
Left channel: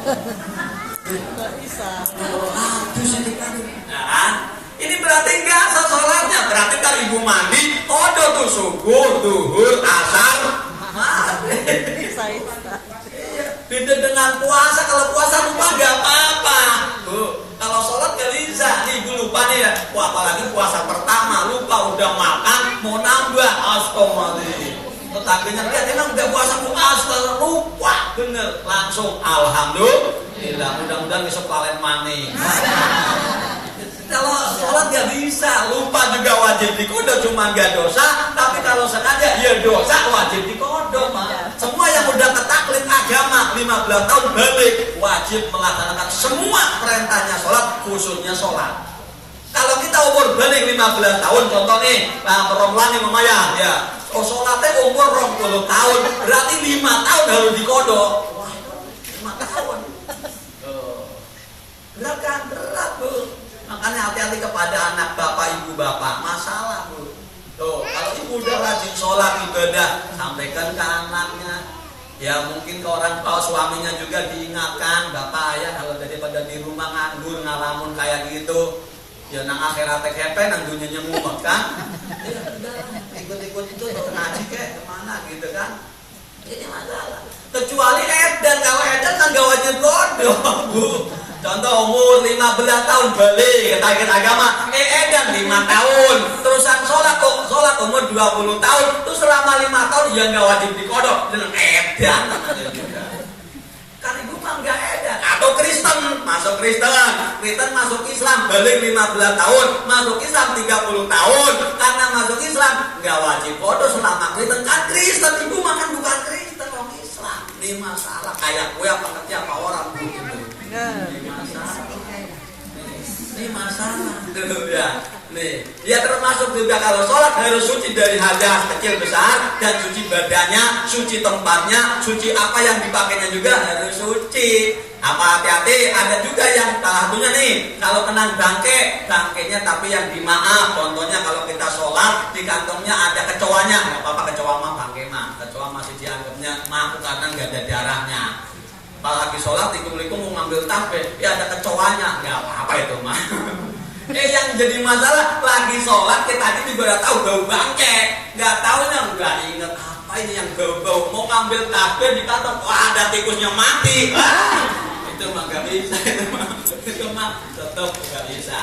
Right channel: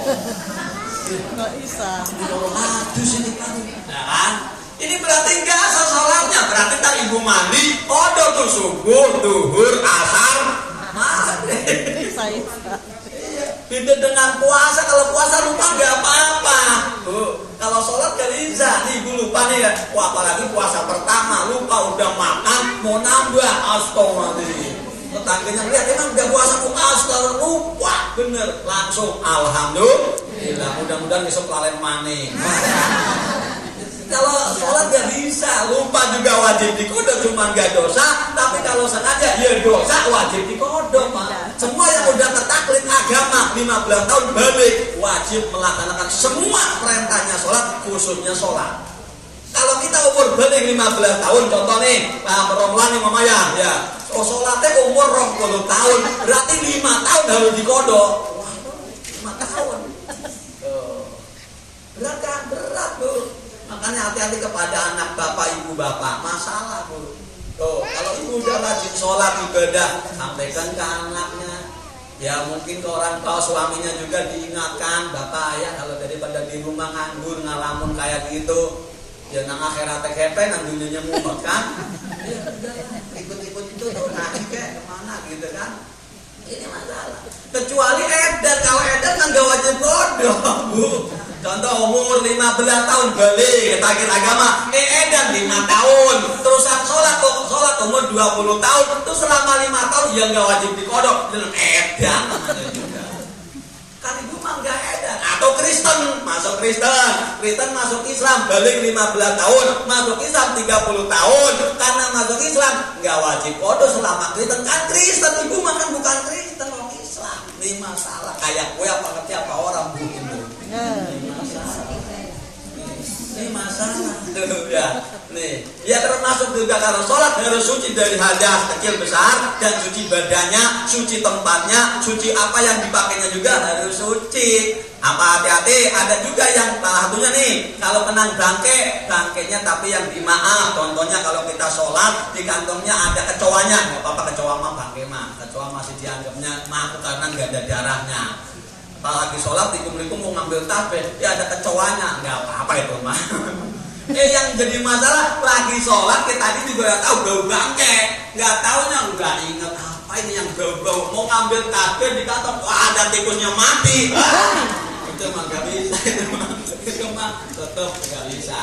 Ya kan? Ini berarti nggak sah sholatnya. Berarti kan ibu mandi, tuh subuh, duhur, asar, maghrib. Beda dengan puasa. Kalau puasa lupa nggak apa-apa. Kalau sholat gak bisa. Nih ibu lupa nih ya. Wah, apalagi puasa pertama lupa udah makan mau nambah. Astagfirullahaladzim. Tetangganya lihat emang udah puasa astagfirullah, lupa bener. Langsung alhamdulillah. Mudah-mudahan besok kalian maning. Kalau sholat gak bisa, lupa juga wajib dikodok, cuma gak dosa. Tapi kalau sengaja ya dosa, wajib dikodok. Semua yang udah ketaklid agama 15 tahun balik wajib melaksanakan semua perintahnya sholat, khususnya sholat. Kalau kita umur balik 15 tahun, contoh nih, perempuan nih mamaya, ya, sholatnya umur 20 tahun, berarti 5 tahun harus dikodok. 5 tahun. Berat kan? Berat, Bu. Makanya hati-hati kepada anak bapak, ibu bapak, masalah, Bu. Tuh, kalau ibu udah rajin sholat ibadah, sampaikan ke anaknya. Ya mungkin ke orang tua suaminya juga diingatkan, bapak ayah kalau daripada di rumah nganggur ngalamun kayak gitu, ya nang akhirat kepe nang dunianya mumet kan. Ya udah, ikut-ikut itu ngaji kayak kemana gitu kan. Ini masalah. Kecuali edan, kalau edan kan gak wajib kodok, Bu. Contoh umur 15 tahun balik kita agama, edan 5 tahun, terusan sholat umur 20 tahun, terus selama 5 tahun ya nggak wajib dikodok, dengan edan namanya juga. Kan ibu mah nggak edan. Atau Kristen masuk Islam balik 15 tahun, masuk Islam 30 tahun, karena masuk Islam nggak wajib kodok selama Kristen. Kan Kristen ibu mah kan bukan Kristen, orang Islam. Ini masalah kayak gue apa kerja apa orang Bu itu. Ini masalah ya. Nih, ya termasuk juga kalau sholat harus suci dari hadas kecil besar, dan suci badannya, suci tempatnya, suci apa yang dipakainya juga harus suci. Apa hati-hati, ada juga yang salah satunya nih, kalau kena bangkainya tapi yang dimaaf. Contohnya kalau kita sholat di kantongnya ada kecoanya, nggak apa-apa, kecoa mah bangkai mah, kecoa masih dianggapnya maaf karena nggak ada darahnya. Apalagi sholat dikum-likum mau ngambil tasbih, ya ada kecoanya, nggak apa-apa itu mah. Yang jadi masalah lagi sholat kita tadi juga udah tahu bau bangkai, nggak taunya nggak ingat apa ini yang bau-bau, mau ngambil tasbih di kantong, wah ada tikusnya mati. Itu mah nggak bisa, itu mah tetap nggak bisa.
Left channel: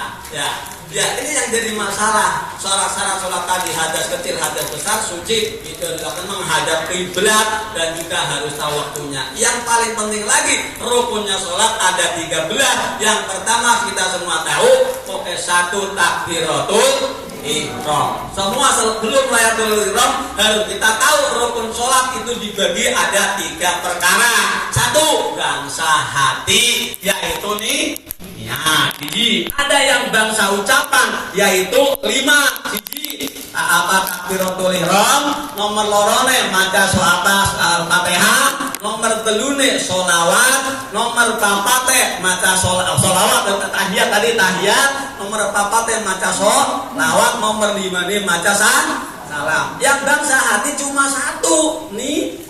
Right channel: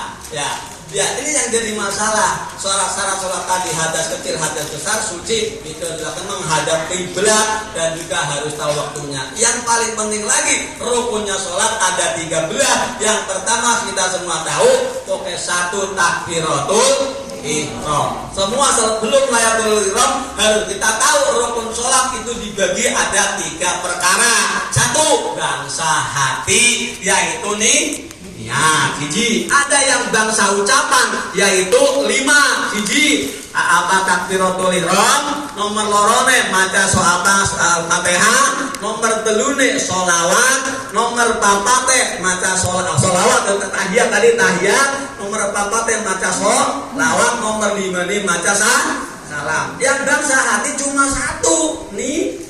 Ya, ini yang jadi masalah. Syarat-syarat sholat tadi, hadas kecil, hadas besar, suci itu adalah menghadap kiblat dan juga harus tahu waktunya. Yang paling penting lagi, rukunnya sholat ada 13. Yang pertama kita semua tahu, pokoknya 1 takbiratul ihram. Semua sebelum layatul ihram harus kita tahu rukun sholat itu dibagi ada 3 perkara. 1, bangsa hati, yaitu nih ya, hiji. Ada yang bangsa ucapan, yaitu 5 hiji. Apa takbiratul ihram, nomor lorone maca atas Al-Fatihah, nomor telune sholawat, nomor papate maca sholawat tahiyat tadi tahiyat, nomor papate maca sholawat, nomor 5 nih maca salam. Yang bangsa hati cuma 1 nih.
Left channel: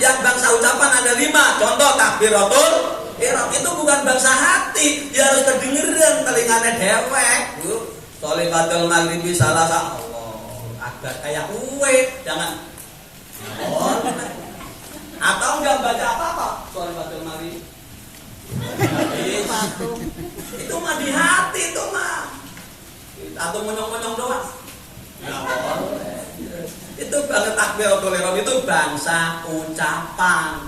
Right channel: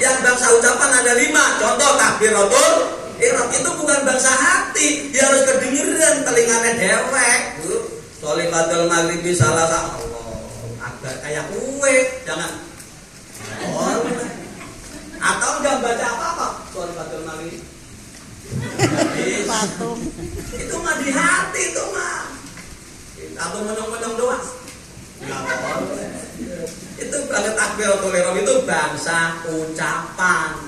Yang bangsa ucapan ada 5. Contoh takbiratul ihram itu bukan bangsa hati, dia harus kedengeran telinganya dewek. Sholifatul maghribi salasa agar kayak kue, jangan. Atau enggak baca apa-apa Sholifatul maghribi. Itu mah di hati itu mah. Atau menyong-menyong doang. Enggak boleh. Itu banget takbiratul ihram itu bangsa ucapan.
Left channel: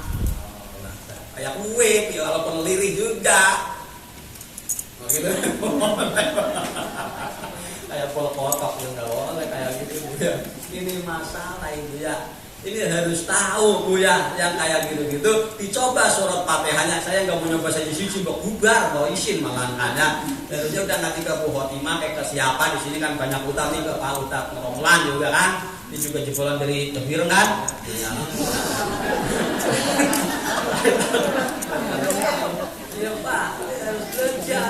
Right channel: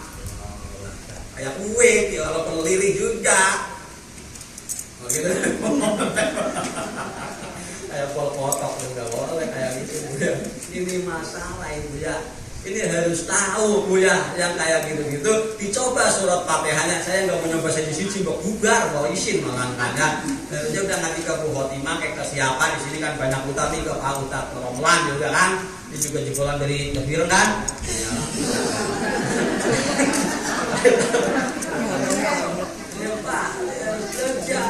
Kayak kue, walaupun lirih juga. Begitu. Kayak pol-potok enggak boleh kayak gitu ya. Ini masalah itu ya. Ini harus tahu Bu ya, yang kayak gitu-gitu dicoba surat Fatihahnya. Saya enggak mau nyoba siji-siji mbok bubar, mbok isin mangangkanya. Harusnya udah ngaji ke Bu Khotimah kayak ke siapa di sini kan banyak utang nih ke Pak Ustaz Romlan juga kan. Ini juga jebolan dari Jebir kan. Iya Pak, harus kerja.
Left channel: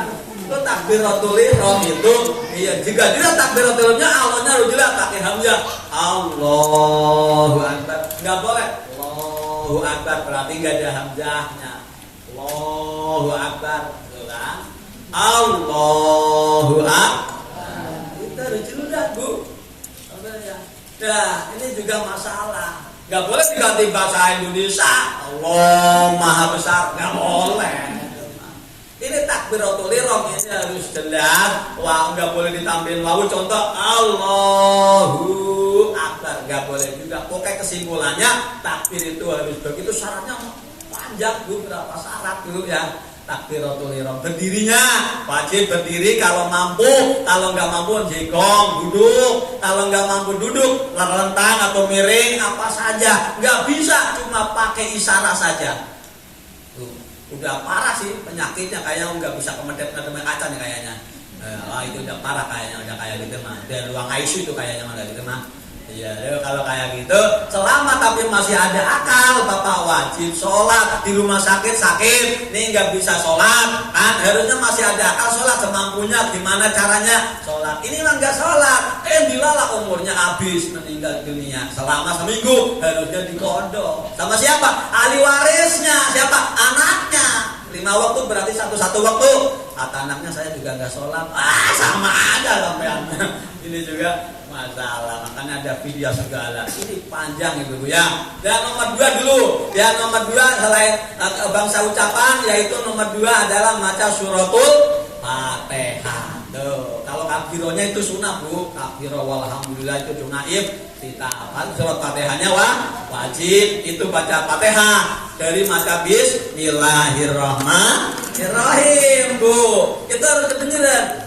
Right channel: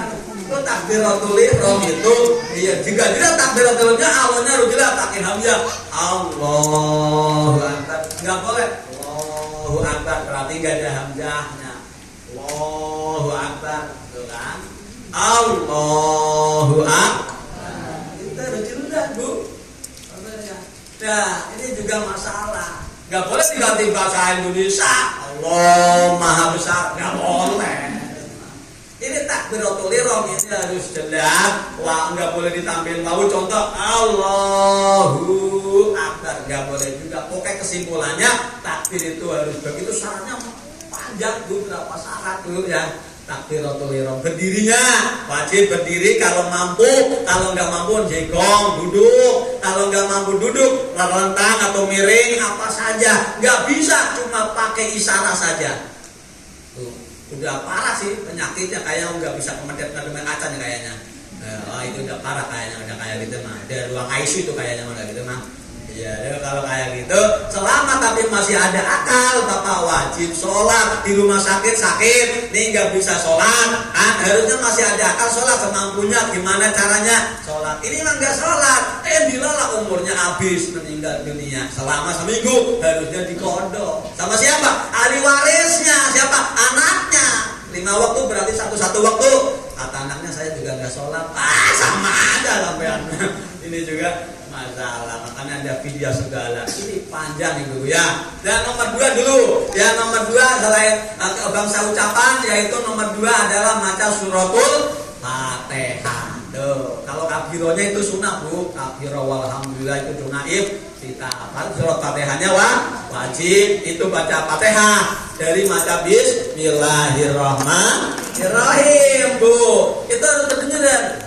Lo takbiratul ihram itu, iya juga takbiratul ihramnya awalnya harus jelas pakai hamzah. Allahu Akbar, nggak boleh. Allahu Akbar berarti nggak ada hamzahnya. Allahu Akbar, itu kan? Allahu Akbar. Itu harus jelas Bu. Nah, ini juga masalah. Gak boleh diganti bahasa Indonesia. Allah Maha Besar, gak boleh. Ini takbiratul ihram ini harus jelas. Wah, gak boleh ditampilin wawu. Contoh Allahu Akbar, gak boleh juga. Pokoknya kesimpulannya takbir itu harus begitu. Syaratnya panjang Bu, berapa syarat dulu ya. Takbiratul ihram berdirinya wajib berdiri kalau mampu, kalau nggak mampu jegong duduk, kalau nggak mampu duduk rentang atau miring apa saja, nggak bisa cuma pakai isyarat saja. Udah parah sih penyakitnya, kayaknya nggak bisa kemedet-kemedet kaca nih kayaknya. Wah itu udah parah kayaknya, udah kayak gitu mah. Dia ruang ICU tuh kayaknya udah gitu mah. Iya, kalau kayak gitu, selama tapi masih ada akal, Bapak wajib sholat. Di rumah sakit, nih nggak bisa sholat, kan? Harusnya masih ada akal sholat semampunya. Gimana caranya sholat? Ini mah nggak sholat, dilalah umurnya habis meninggal dunia. Selama seminggu harusnya dikodok. Sama siapa? Ahli warisnya. Siapa? Anaknya. 5 waktu berarti satu waktu. Kata anaknya saya juga nggak sholat. Sama aja sampean. Ini juga masalah, makanya ada video segala. Ini panjang itu ya. Dan nomor 2 dulu. Yang nomor 2 selain bangsa ucapan, yaitu nomor 2 adalah maca suratul Fatihah. Tuh, kalau kabironya itu sunnah Bu. Kabiro walhamdulillah itu donaib. Kita apa? Surat Fatihahnya wajib itu baca Fatihah dari maca Bismillahirrahmanirrahim Bu. Itu harus kedengeran.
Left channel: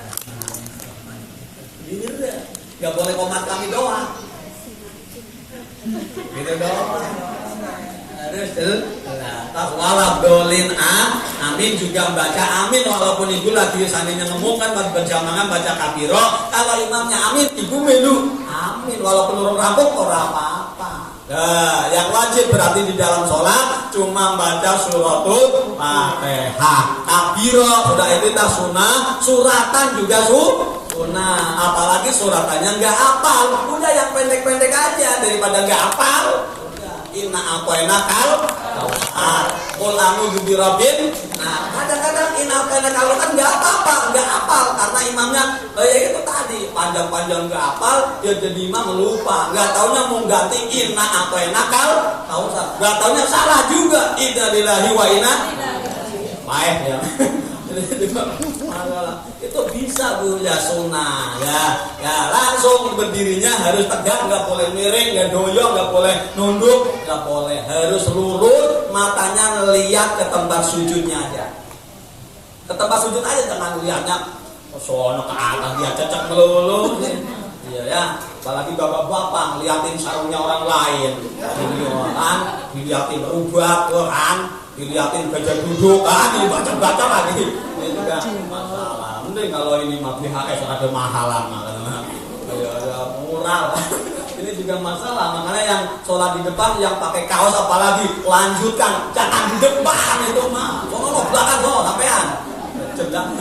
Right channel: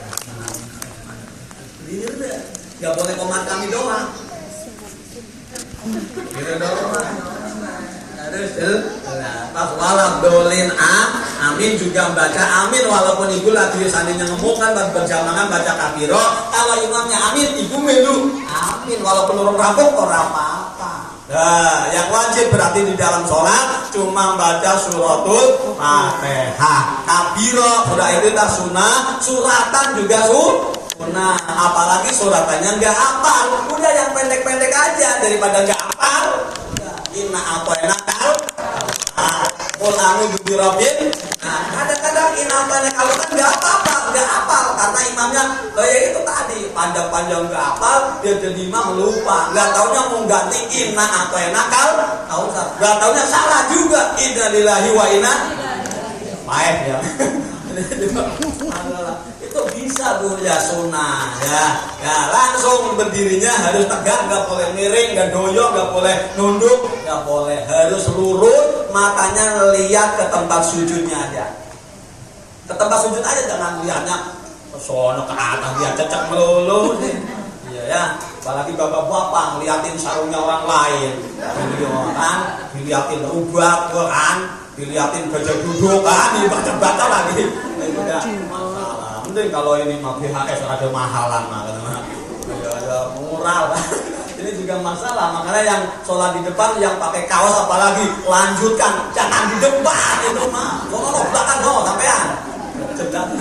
Gak boleh komat kami doang. Gitu doang. Harus pas walabdolin amin juga baca amin walaupun ibu lagi seandainya ngomong kan berjamaah baca kabiro. Kalau imamnya amin, ibu melu amin walaupun orang rambut orang apa-apa. Nah, yang wajib berarti di dalam sholat cuma baca suratul Fatihah. Kabiro sudah itu dah sunnah, suratan juga sunnah, apalagi suratannya nggak hafal, udah yang pendek-pendek aja daripada nggak hafal. Inna atoina kal, ulamu birobin. Nah, kadang-kadang inna atoina kalau kan nggak hafal karena imamnya ya itu tadi panjang-panjang nggak hafal, dia jadi imam lupa, nggak taunya mau ganti inna atoina kal, nggak taunya salah juga. Inna lillahi wa inna baik ya. Itu bisa Bu ya, sunnah ya. Ya langsung berdirinya harus tegak, nggak boleh miring, nggak doyok, nggak boleh nunduk, nggak boleh, harus lurus, matanya lihat ke tempat sujudnya aja. Ke tempat sujud aja, jangan lihatnya ke sono ke atas, dia cecak melulu. Iya ya, apalagi bapak-bapak ngeliatin sarungnya orang lain, kan, diliatin rubah kan, diliatin gajah duduk kan, dibaca-baca lagi. Itu enggak masalah. Mending kalau ini mah BHS ada mahalan ya murah. Ini juga masalah, makanya yang sholat di depan yang pakai kaos apalagi lanjutkan, jangan di depan itu mah. Sono belakang loh sampean. Sedang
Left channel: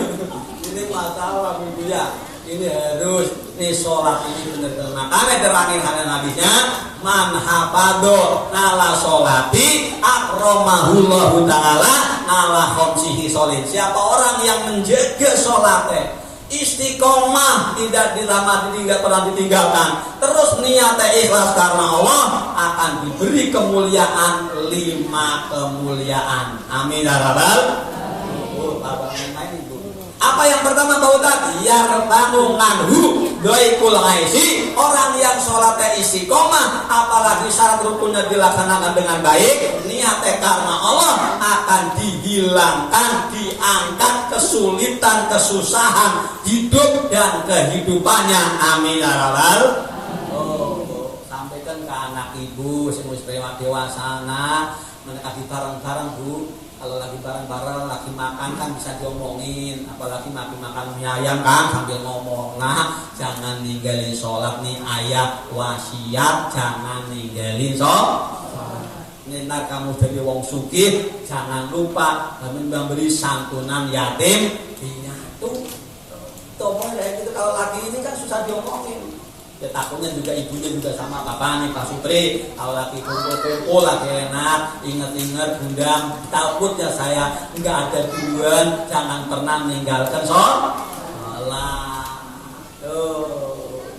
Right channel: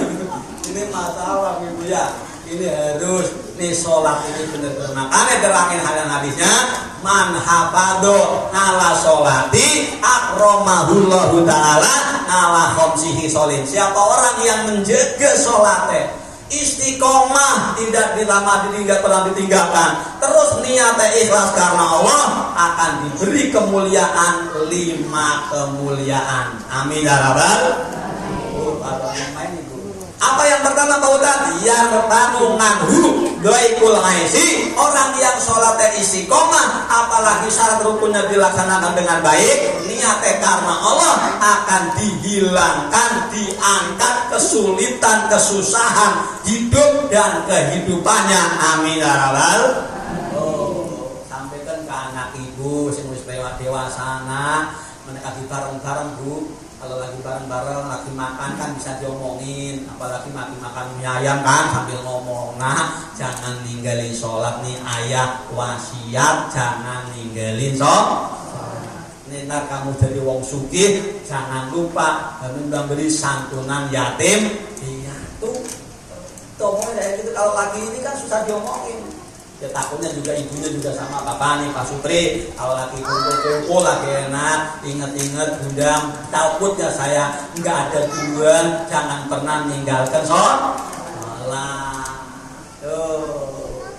ini masalah Ibu ya. Ini harus nih sholat ini benar-benar. Makanya terangin hadisnya, man hafadho nala sholati akromahullahu ta'ala nala khamsihi sholin. Siapa orang yang menjaga sholatnya istiqomah, tidak pernah ditinggalkan, terus niatnya ikhlas karena Allah, akan diberi kemuliaan 5 kemuliaan. Amin ya rabbal. Apa yang pertama Pak Ustaz? Ya rebanung manhu doikul aisi, orang yang sholatnya istiqomah, apalagi syarat rukunnya dilaksanakan dengan baik, niatnya karena Allah, akan dihilangkan, diangkat kesulitan, kesusahan hidup dan kehidupannya. Amin ya rabbal. Sampaikan ke anak ibu supaya dewasa, mendekati bareng-bareng Bu. Kalau lagi bareng-bareng, lagi makan kan bisa diomongin, apalagi makan mie ayam kan sambil ngomong. Nah, jangan ninggalin sholat nih, ayah wasiat, jangan ninggalin sholat. Ntar kamu jadi wong sugih, jangan lupa memberi santunan yatim piatu. Tomo ya gitu, kalau lagi ini kan susah diomongin. Ya takutnya juga ibunya juga sama bapak nih Pak Supri, kalau lagi kumpul lagi enak, inget-inget undang, takutnya saya nggak ada tujuan, jangan pernah ninggalkan sholat.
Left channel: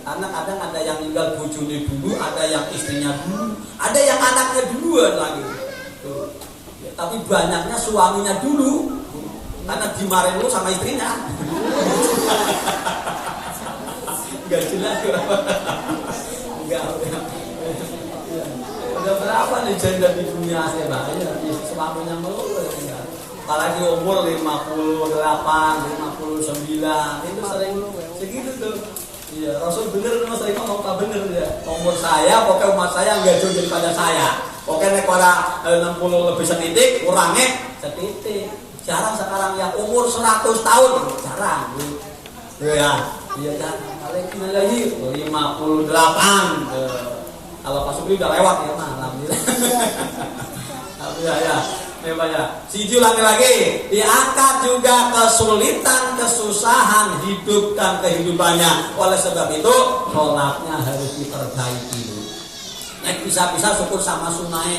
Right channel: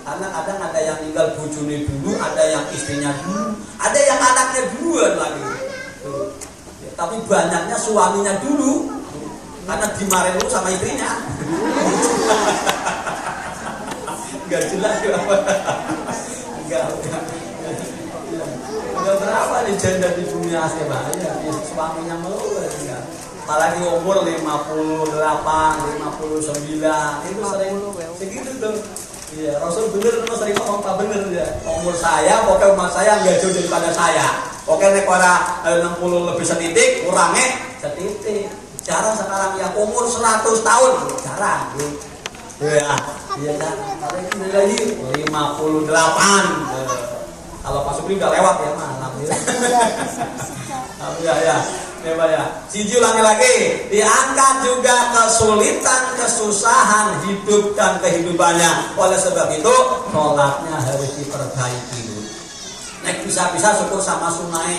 Karena kadang ada yang tinggal bojone dulu, ada yang istrinya dulu, ada yang anaknya duluan lagi. Ya, tapi banyaknya suaminya dulu, karena dimarahin dulu sama istrinya. Enggak jelas ya. Enggak. Udah berapa nih janda di dunia saya bahaya, suaminya melulu enggak. Apalagi umur 58, 59, itu sering segitu tuh. Iya, Rasul bener sering ngomong Pak bener ya. Umur saya, pokoknya umur saya enggak jauh daripada saya. Pokoknya nek ora 60 lebih setitik, kurangnya setitik. Jarang sekarang yang umur 100 tahun, jarang. Ya. Iya kan, kalau itu lagi 58. Kalau Pak Supri udah lewat ya, alhamdulillah. Alhamdulillah ya. Siji lagi, diangkat juga kesulitan, kesusahan hidup dan kehidupannya. Oleh sebab itu, sholatnya harus diperbaiki. Nek bisa syukur sama sunai.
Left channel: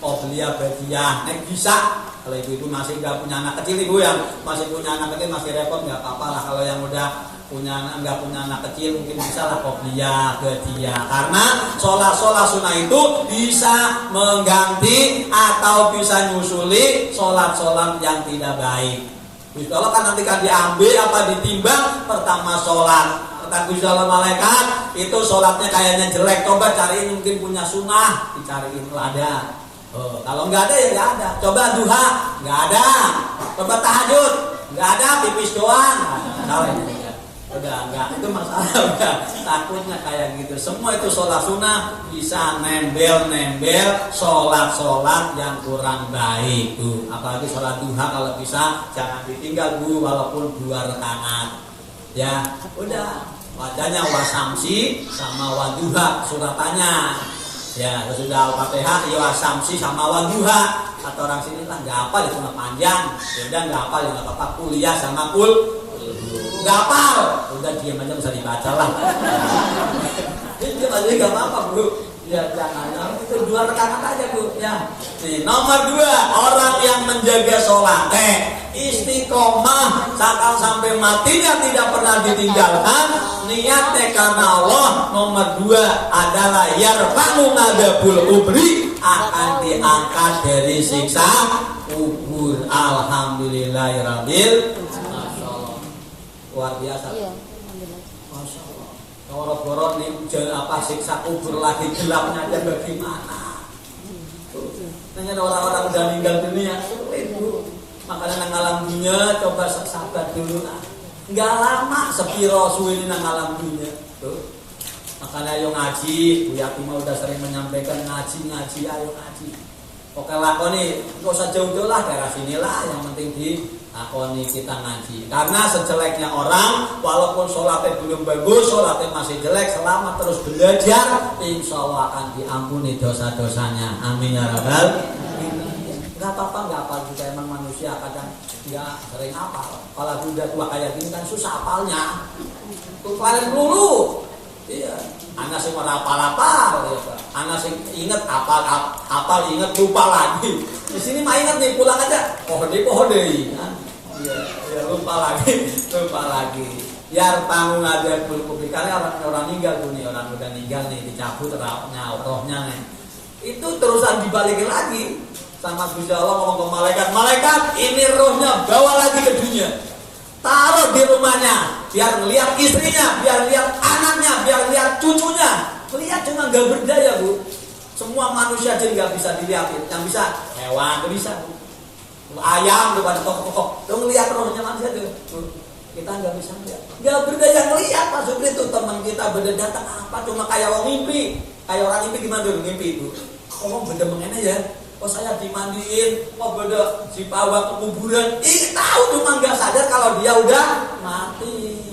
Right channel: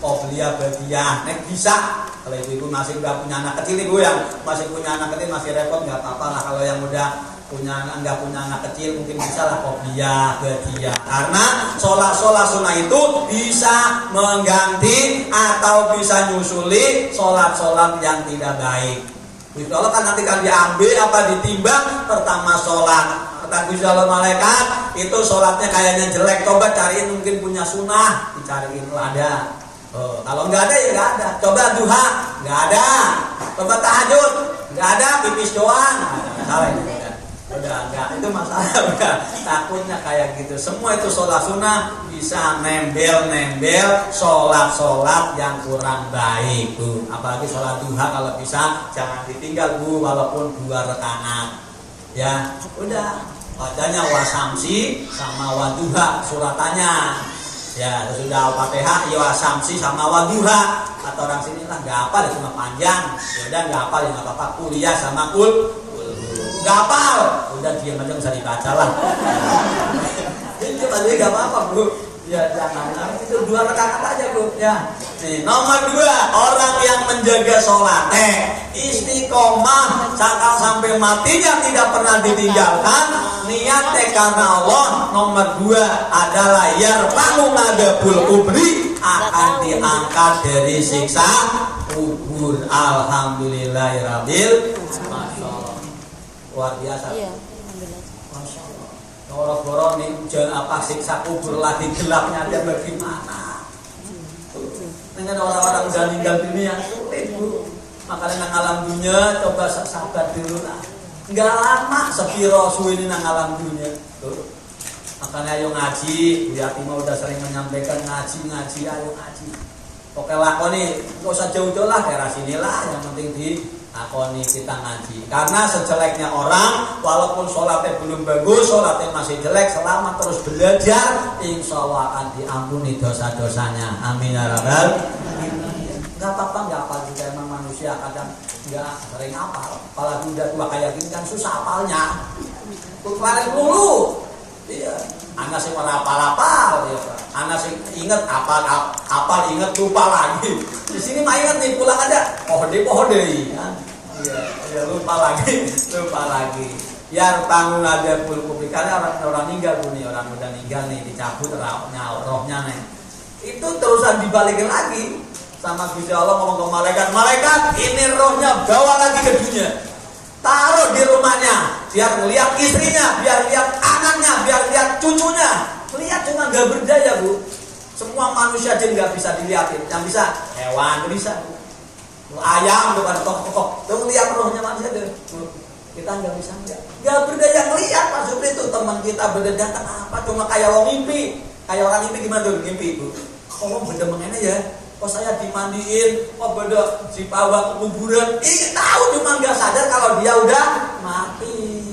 Qobliyah badiyah, nek bisa. Kalau ibu masih nggak punya anak kecil, ibu yang masih punya anak kecil masih repot, nggak apa-apa lah. Kalau yang udah nggak punya anak kecil mungkin bisa lah qobliyah badiyah, karena sholat sunnah itu bisa mengganti atau bisa nyusuli sholat yang tidak baik. Kalau kan nanti kan diambil apa ditimbang, pertama sholat kata Gusti Allah malaikat itu sholatnya kayaknya jelek, coba cariin mungkin punya sunnah, dicariin ada. Kalau nggak ada ya nggak ada. Coba duha nggak ada, coba tahajud nggak ada, pipis doang. Salah ini. Udah enggak, itu masalah udah. Takutnya kayak gitu. Semua itu sholat sunnah bisa nembel sholat yang kurang baik tuh. Apalagi sholat duha kalau bisa jangan ditinggal Bu, walaupun 2 rakaat. Ya, udah. Bacanya wasamsi sama waduha suratannya. Ya, sudah Al-Fatihah, ya wasamsi sama waduha. Kata orang sini kan enggak apa, cuma panjang. Ya udah enggak apa, ya enggak apa-apa. Kuliah sama gapal, udah diam aja bisa dibaca lah. Jadi nggak apa-apa Bu. Ya jangan, itu 2 rakaat aja Bu. Ya. Nih, nomor 2, orang yang menjaga sholat, istiqomah sampai matinya tidak pernah ditinggalkan, niatnya karena Allah. Nomor 2 adalah yarfa'u madabul kubri, akan diangkat dari siksa kubur. Alhamdulillahirabbil alamin. luar biasa. Iya, alhamdulillah. Masya Allah. Goro-goro nih hujan apa siksa kubur lagi gelapnya aja bagaimana? Dengan orang-orang udah meninggal dunia itu. Makanya nang alam dunia coba sabar dulu lah. Enggak lama sepiro suwi nang alam dunia. Tuh. Makanya ayo ngaji, Bu Yati mau udah sering menyampaikan ngaji, ayo ngaji. Oke lakoni, nggak usah jauh-jauh lah daerah sinilah, yang penting di lakoni kita ngaji. Karena sejeleknya orang, walaupun sholatnya belum bagus, sholatnya masih jelek, selama terus belajar, insya Allah akan diampuni dosa-dosanya. Amin ya rabbal. Nggak apa-apa, nggak apa juga emang manusia kadang nggak sering apal. Apalagi udah tua kayak gini kan susah apalnya. Tuh paling dulu. Iya, anak sih mau apal-apal, ya Pak. Anak sih inget apal inget lupa lagi. Di sini mah inget nih pulang aja, pohon deh, ya lupa lagi. Ya tanggung ada publik karena orang meninggal dunia, orang udah meninggal nih dicabut rohnya nih. Itu terusan dibalikin lagi sama Gusti Allah ngomong ke malaikat ini rohnya bawa lagi ke dunia. Taruh di rumahnya, biar ngelihat istrinya, biar lihat anaknya, biar lihat cucunya. Lihat cuma gak berdaya Bu. Semua manusia aja nggak bisa dilihatin. Yang bisa hewan bisa Bu. Ayam depan tok. Tuh lihat rohnya manusia deh. Kita nggak bisa lihat. Gak berdaya ngelihat Pak Supri itu teman kita beda datang apa cuma kayak orang mimpi. Kayak orang mimpi gimana tuh mimpi Bu? Kalau beda mengenai ya. Oh saya dimandiin, oh beda dibawa ke kuburan. Tahu cuma nggak sadar kalau dia udah mati.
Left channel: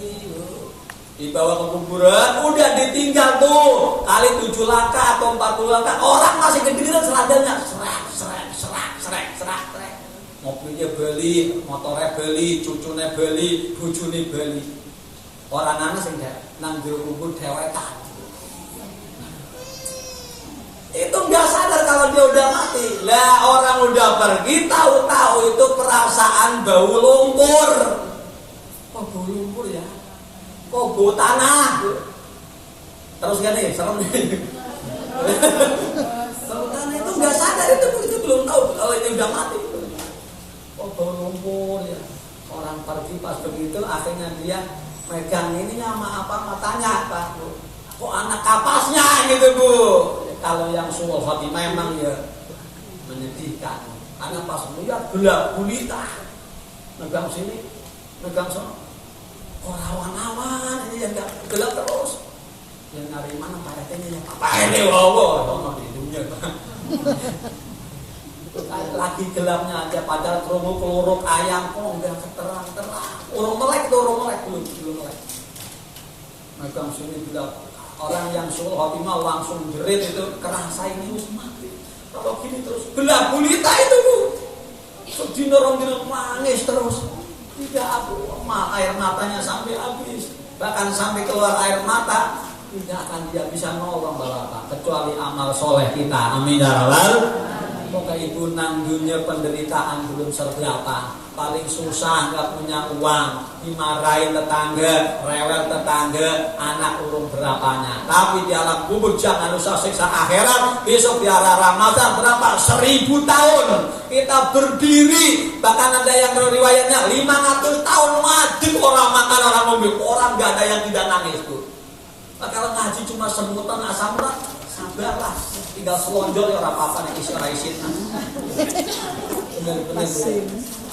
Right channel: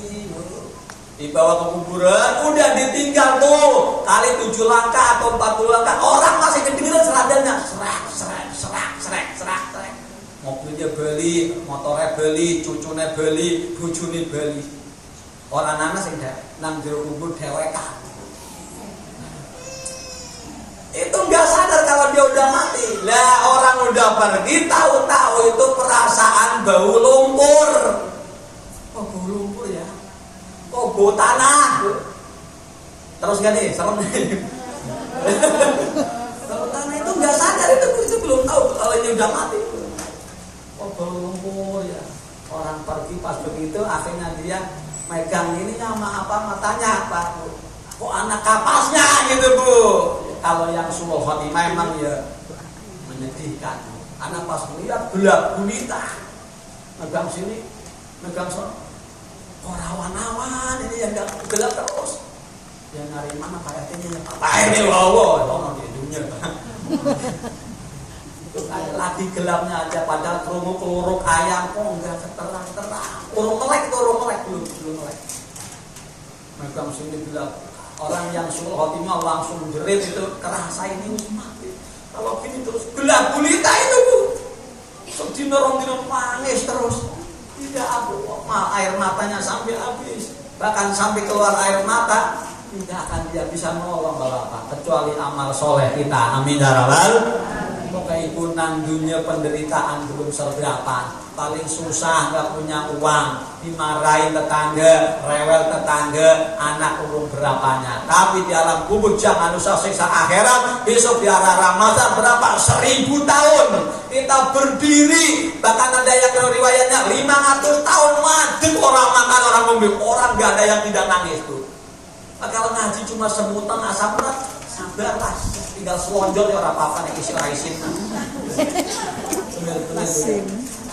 Dibawa ke kuburan, udah ditinggal tuh kali 7 langkah atau 40 langkah. Orang masih kedengeran seradannya, serak. Mobilnya beli, motornya beli, cucunya beli, bojone beli. Orang anak sing nang jero kubur dhewekan. Itu nggak sadar kalau dia udah mati. Lah orang udah pergi tahu-tahu itu perasaan bau lumpur. Oh bau lumpur ya. Oh bau tanah. Terus kan nih, serem nih. Bau tanah itu nggak sadar itu belum tahu kalau ini udah mati. Oh bau lumpur ya. Orang pergi pas begitu akhirnya dia megang ininya sama apa matanya apa. Kok anak kapasnya gitu Bu. Kalau yang suul khotimah memang ya menyedihkan. Karena pas melihat gelap gulita, megang sini, megang sana, kok rawan-rawan ini yang gelap terus. Yang nyari mana Pak RT nya? Apa ini wow, orang di dunia. Lagi gelapnya aja padahal keluruk ayam kok enggak terang. Urung melek belum melek. Megang sini gelap. Orang yang suul khotimah langsung jerit itu kerasa ini mati. Kalau gini terus gelap gulita itu Bu. Sedina rong dina nangis terus. Tidak air matanya sampai habis. Bahkan sampai keluar air mata tidak akan dia bisa nolong Bapak kecuali amal soleh kita. Amin ya rabbal. Moga ibu nang dunia penderitaan belum seberapa. Paling susah nggak punya uang, dimarahin tetangga, rewel tetangga, anak umur berapanya. Tapi di alam kubur jangan usah siksa akhirat. Besok di arah Ramadan berapa? 1000 tahun kita berdiri. Bahkan ada yang riwayatnya 500 tahun madem orang makan orang mobil. Orang nggak ada yang tidak nangis Bu. Kalau ngaji cuma semutan asam urat, sabarlah. Tinggal selonjol ya orang apa nih isin.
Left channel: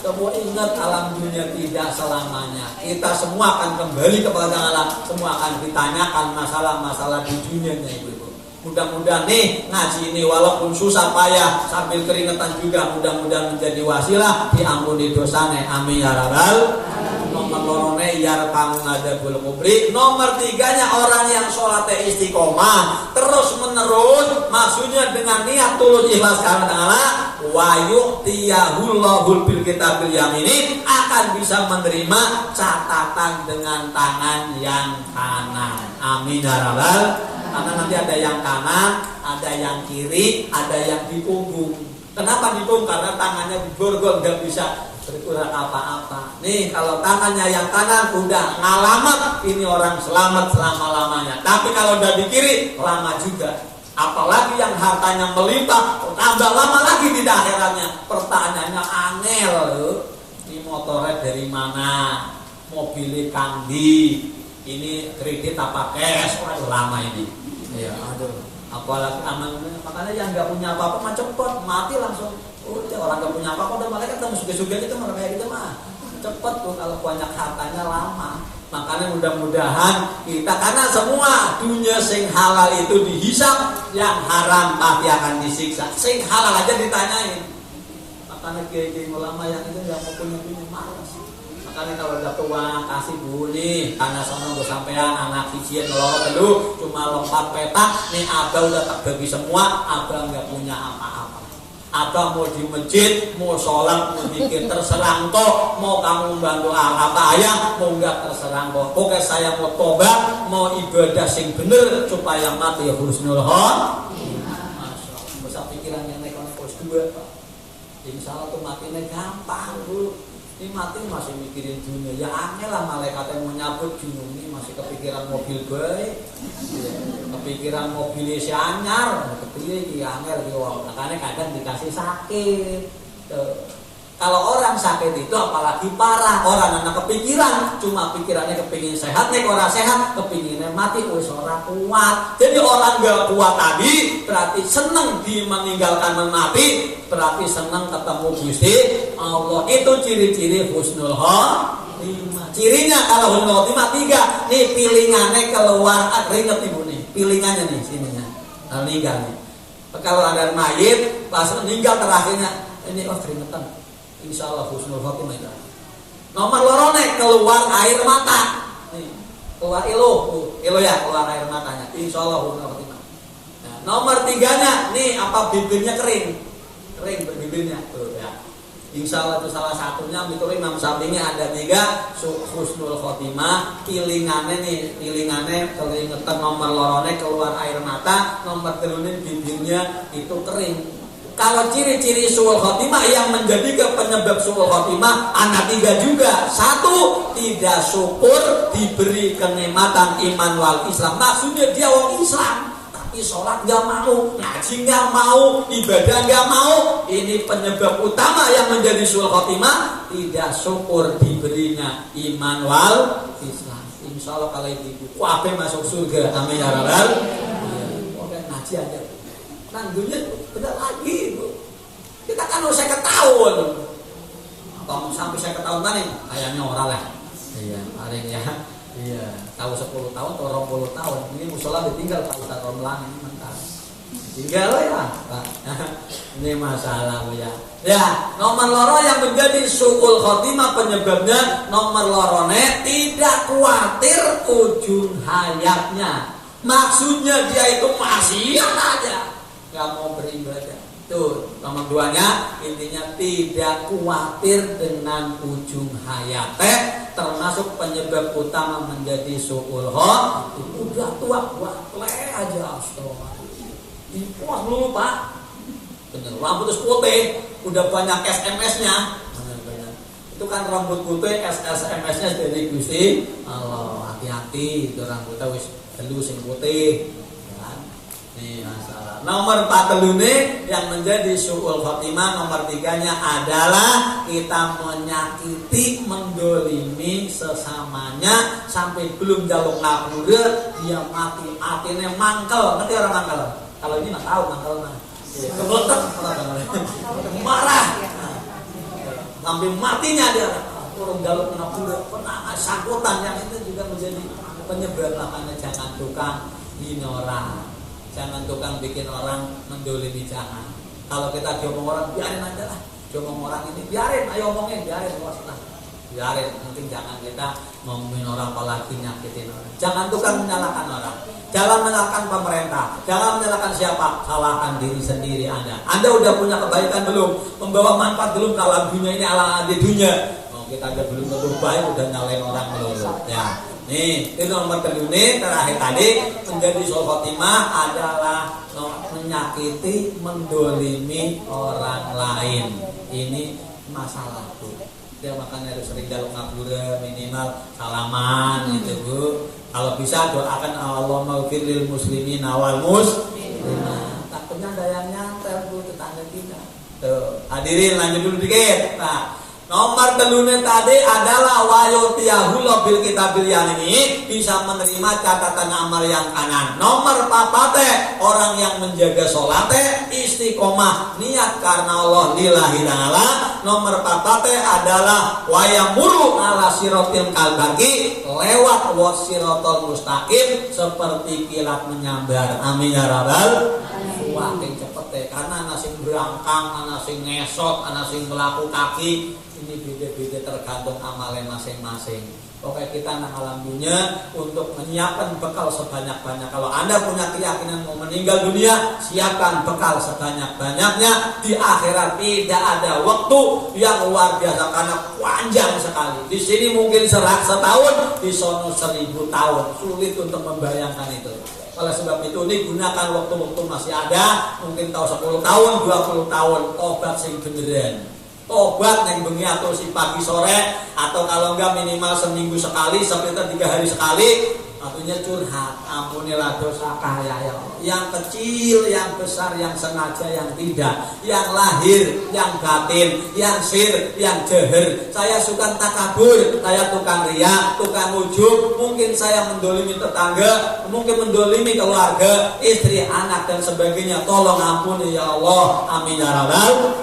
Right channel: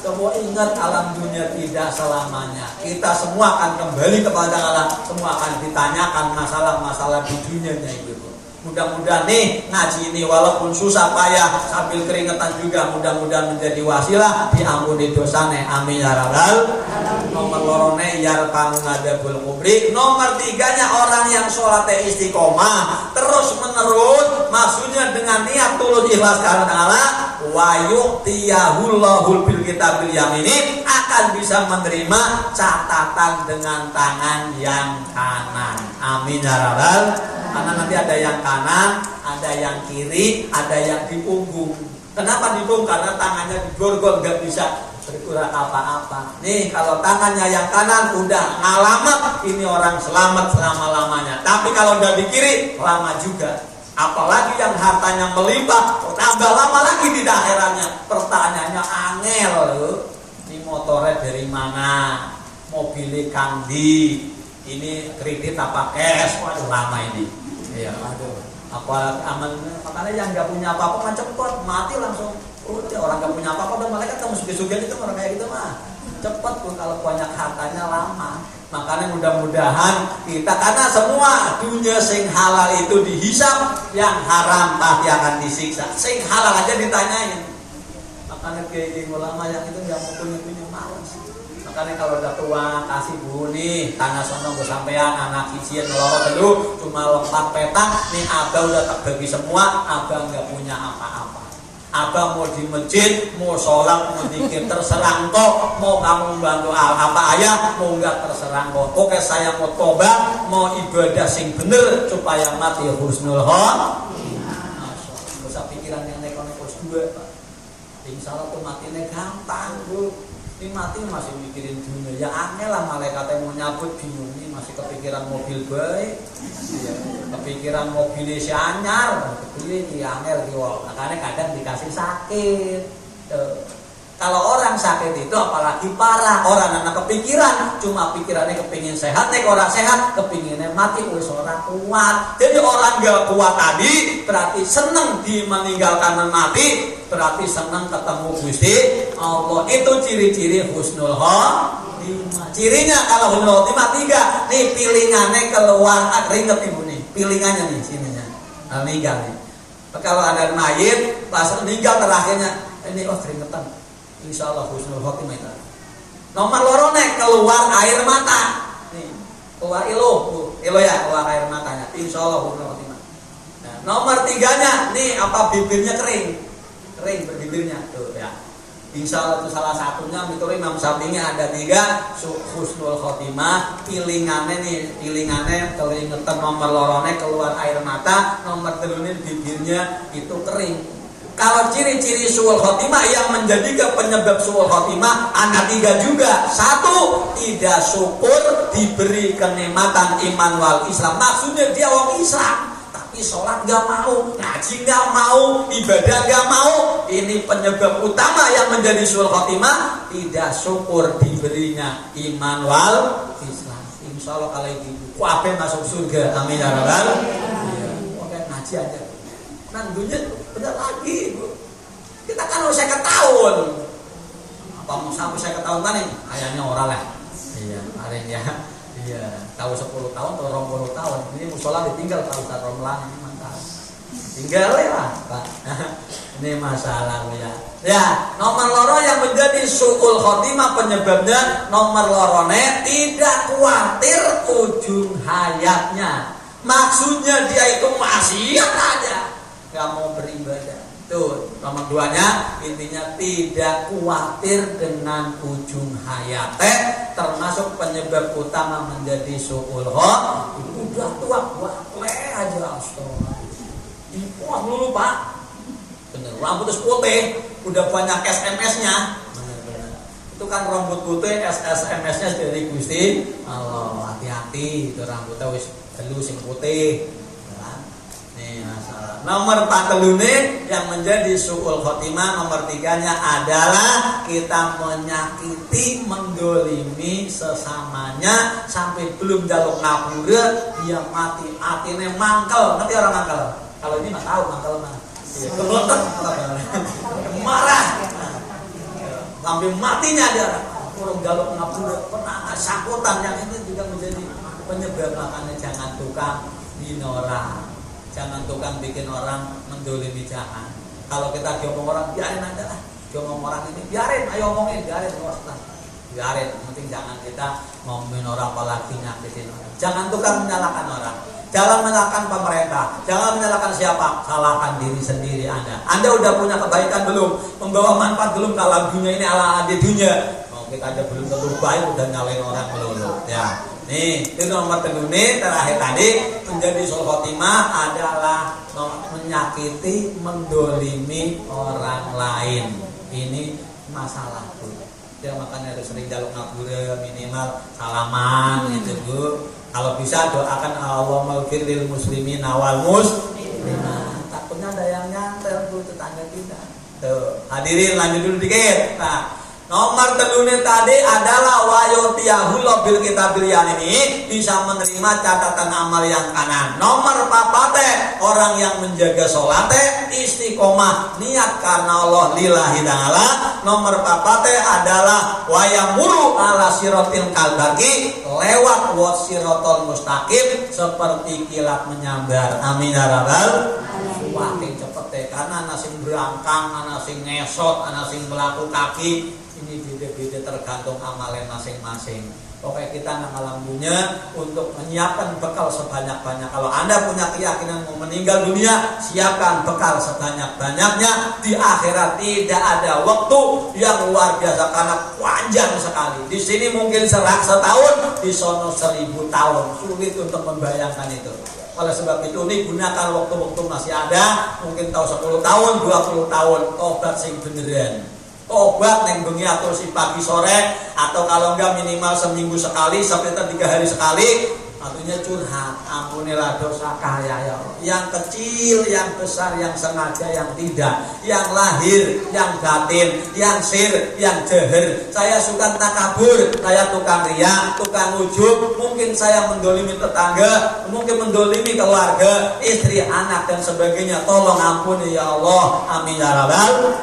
Semua ingat alam dunia tidak selamanya. Kita semua akan kembali kepada alam. Semua akan ditanyakan masalah-masalah di dunianya itu. Mudah-mudahan nih ngaji ini walaupun susah payah sambil keringetan juga mudah-mudahan menjadi wasilah diampuni dosanya. Amin ya rabbal. Nomor lorone yarfa'u ngadabul kubri. Nomor 3-nya orang yang sholatnya istiqomah terus menerus, maksudnya dengan niat tulus ikhlas karena Allah, wa yu'tiyahullahul bil kitabil yamini, akan bisa menerima catatan dengan tangan yang kanan. Amin ya rabbal. Karena nanti ada yang kanan, ada yang kiri, ada yang di punggung. Kenapa di punggung? Karena tangannya diborgol, nggak bisa bergerak apa-apa. Nih kalau tangannya yang kanan udah ngalamat, ini orang selamat selama-lamanya. Tapi kalau udah di kiri, lama juga. Apalagi yang hartanya melimpah, tambah lama lagi di akhirannya. Pertanyaannya angel, ini motornya dari mana? mobil kandi, ini kredit apa cash, waduh lama ini. Iya, aduh. Apalagi amannya, makanya yang nggak punya apa-apa mah cepet mati langsung. Udah orang nggak punya apa-apa udah malaikat kamu suge-suge itu orang kayak gitu mah cepet tuh kalau banyak hartanya lama. Makanya mudah-mudahan kita karena semua dunia sing halal itu dihisap, yang haram pasti akan disiksa. Sing halal aja ditanyain. Makanya kayak ulama yang itu yang punya malas. Makanya kalau udah tua kasih bu nih, karena sama gue sampean anak kicien ngelorot dulu cuma lompat petak nih abang udah tak bagi semua, abang nggak punya apa-apa. Abang mau di masjid, mau sholat, mau dikir terserang kok, mau kamu bantu apa ayah, mau nggak terserang kok. Oke saya mau tobat, mau ibadah sing bener supaya mati husnul khotimah. Masa pikiran yang nekon-nekos dua pak. Insya Allah tuh matinya gampang bu. Ini mati masih mikirin dunia. Ya aneh lah malaikat yang mau nyabut bingung ini masih kepikiran mobil baik, ya, kepikiran mobil si anyar, kepikiran aneh lagi wah. Makanya kadang dikasih sakit. Kalau orang sakit itu apalagi parah, orang anak kepikiran, cuma pikirannya kepingin sehat, nek orang sehat, kepinginnya mati, orang kuat. Jadi orang gak kuat tadi, berarti seneng di meninggalkan mati, berarti seneng ketemu Gusti Allah. Itu ciri-ciri husnul khotimah. Cirinya kalau husnul khotimah 3, nih pilingannya keluar, ringet ibu nih, pilingannya nih sininya, meninggal nih. Kalau ada mayit, pas meninggal terakhirnya, ini keringetan. Insya Allah husnul khotimah itu. Nomor lorone keluar air mata. Nih, keluar ilo ya, keluar air matanya. Insya Allah husnul khotimah. Nah, nomor 3-nya, nih apa bibirnya kering berbibirnya tuh ya. Insya Allah itu salah satunya. Itu Imam Syafi'i ada 3 husnul khotimah. Pilingannya keringetan, nomor lorone keluar air mata, nomor 3 bibirnya itu kering. Kalau ciri-ciri su'ul khotimah yang menjadi penyebab su'ul khotimah ada 3 juga. 1, tidak syukur diberi kenikmatan iman wal Islam. Maksudnya dia orang Islam, tapi sholat gak mau, ngaji gak mau, ibadah gak mau. Ini penyebab utama yang menjadi su'ul khotimah. Tidak syukur diberinya iman wal Islam. Insya Allah kalau itu kuabe masuk surga. Amin ya rabbal alamin. Oke, ngaji aja. Nantinya tidak lagi bu. Kita kan harus 50 tahun. Apa mau sampai 50 tahun kan ini? Kayaknya orang lah. Iya, paling ya. Iya, kalau 10 tahun atau 20 tahun. Ini musola ditinggal kalau Ustaz Romlan ini mantap. Tinggal ya Pak. Ini masalah ya. Ya, nomor loro yang menjadi su'ul khotimah penyebabnya nomor lorone tidak khawatir ujung hayatnya. Maksudnya dia itu maksiat aja. Gak mau beribadah. Tuh, nomor 2-nya intinya tidak khawatir dengan ujung hayatnya, termasuk penyebab utama menjadi su'ul khotimah. Udah tua buat aja astagfirullah. Wah dulu Pak. Bener, rambut putih, udah banyak SMS-nya. Itu kan rambut putih, SMS-nya dari Gusti Allah. Hati-hati, itu rambutnya wis gelu sing putih. Nih, nomor 4 yang menjadi su'ul khotimah, nomor 3-nya adalah kita menyakiti, menggolimi sesamanya sampai belum jaluk ngapura dia mati, artinya mangkel. Ngerti orang mangkel? Kalau ini nggak tahu mangkel mana. Kebelotak, marah, sampai matinya dia kurang jaluk ngapura, pernah sakutan yang itu juga menjadi penyebab. Makanya jangan tukang hina orang. Jangan tukang bikin orang mendolimi, jangan. Kalau kita diomong orang, biarin aja lah. Diomong orang ini, biarin, ayo omongin, biarin. Biarin, nanti jangan kita ngomongin orang apalagi nyakitin orang. Jangan tukang menyalahkan orang. Jangan menyalahkan pemerintah. Jangan menyalahkan siapa. Salahkan diri sendiri Anda. Anda udah punya kebaikan belum? Membawa manfaat belum? Kalau dunia ini ala adi dunia. Mau kita aja belum tentu baik, udah nyalain orang melulu. Ya. Nih, itu nomor 3 terakhir tadi menjadi su'ul khotimah adalah menyakiti, mendolimi orang lain. Ini masalah tuh. Ya makanya harus sering jaluk ngapura, minimal salaman gitu Bu. Kalau bisa doakan Allahumma ighfir lil muslimin wal muslimat. Takutnya ada yang nyantel Bu, tetangga tidak. Tuh, hadirin lanjut dulu dikit. Nah, Nomor telune tadi adalah wayutiyahullah bil kitabil ini, bisa menerima catatan amal yang kanan. Nomor papate, orang yang menjaga salate istiqomah niat karena Allah lillahi ta'ala. Nomor papate adalah wayamuru ala siratil kalbaki, lewat wasiratul mustaqim seperti kilat menyambar. Amin ya rabbal alamin. Cepet karena ana sing berangkang, ana sing ngesot, ana sing melaku kaki. Ini beda-beda tergantung amalnya masing-masing. Oke, kita nang alam dunia untuk menyiapkan bekal sebanyak-banyak. Kalau Anda punya keyakinan mau meninggal dunia, siapkan bekal sebanyak-banyaknya. Di akhirat tidak ada waktu yang luar biasa karena panjang sekali. Di sini mungkin setahun, di sono 1000 tahun. Sulit untuk membayangkan itu. Oleh sebab itu ini gunakan waktu-waktu masih ada, mungkin tahu 10 tahun, 20 tahun, tobat sing beneran. Tobat neng bengi atau si pagi sore, atau kalau enggak minimal seminggu sekali sampai 3 hari sekali. Artinya curhat, ampunilah dosa kaya ya. Yang kecil, yang besar, yang sengaja, yang tidak, yang lahir, yang batin, yang sir, yang jeher. Saya suka takabur, saya tukang riya, tukang ujub. Mungkin saya mendolimi tetangga, mungkin mendolimi keluarga, istri, anak dan sebagainya. Tolong ampuni ya Allah. Amin ya rabbal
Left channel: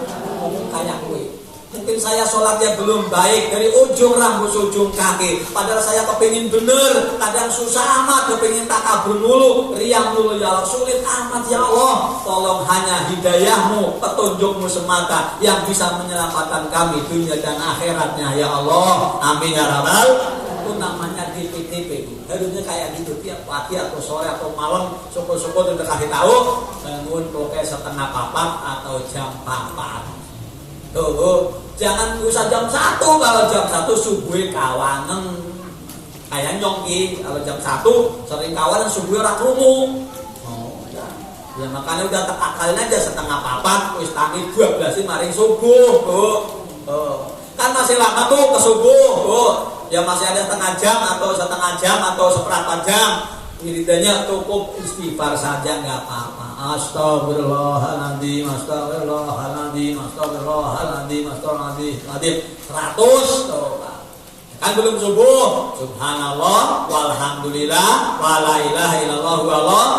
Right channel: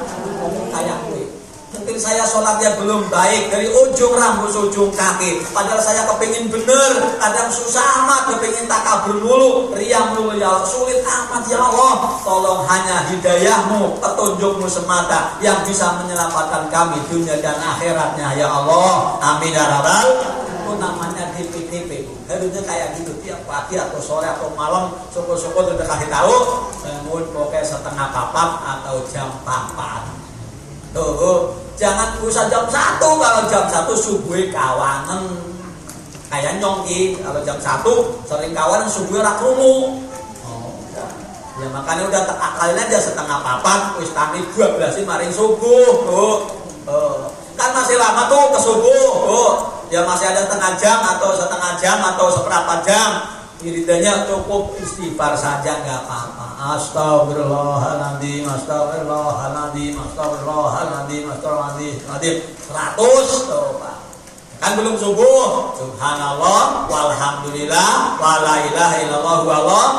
alamin. Mungkin saya sholatnya belum baik dari ujung rambut ujung kaki, padahal saya kepingin bener, kadang susah amat, kepingin takabur mulu, riang mulu ya Allah, sulit amat ya Allah. Tolong hanya hidayahmu, petunjukmu semata yang bisa menyelamatkan kami dunia dan akhiratnya ya Allah. Amin ya rabbal. Itu namanya titik-titik. Harusnya kayak gitu tiap pagi atau sore atau malam, syukur-syukur udah kasih tahu, bangun pokoknya setengah 4 atau jam 4. Tuh, jangan usah jam 1. Kalau jam 1 subuh kawanan kayak nyongki. Kalau jam 1 sering kawanan subuh ora krungu. Ya makanya udah akalin aja setengah 4 wis tani 12 maring subuh. Tuh. Kan masih lama tuh ke subuh. Tuh. Ya masih ada setengah jam atau seperempat jam. Wiridanya cukup istighfar saja enggak apa-apa. Astagfirullahaladzim, astagfirullahaladzim, astagfirullahaladzim, astagfirullahaladzim 100 tuh Pak. Kan belum subuh. Subhanallah, walhamdulillah, wala ilaha illallah, wallah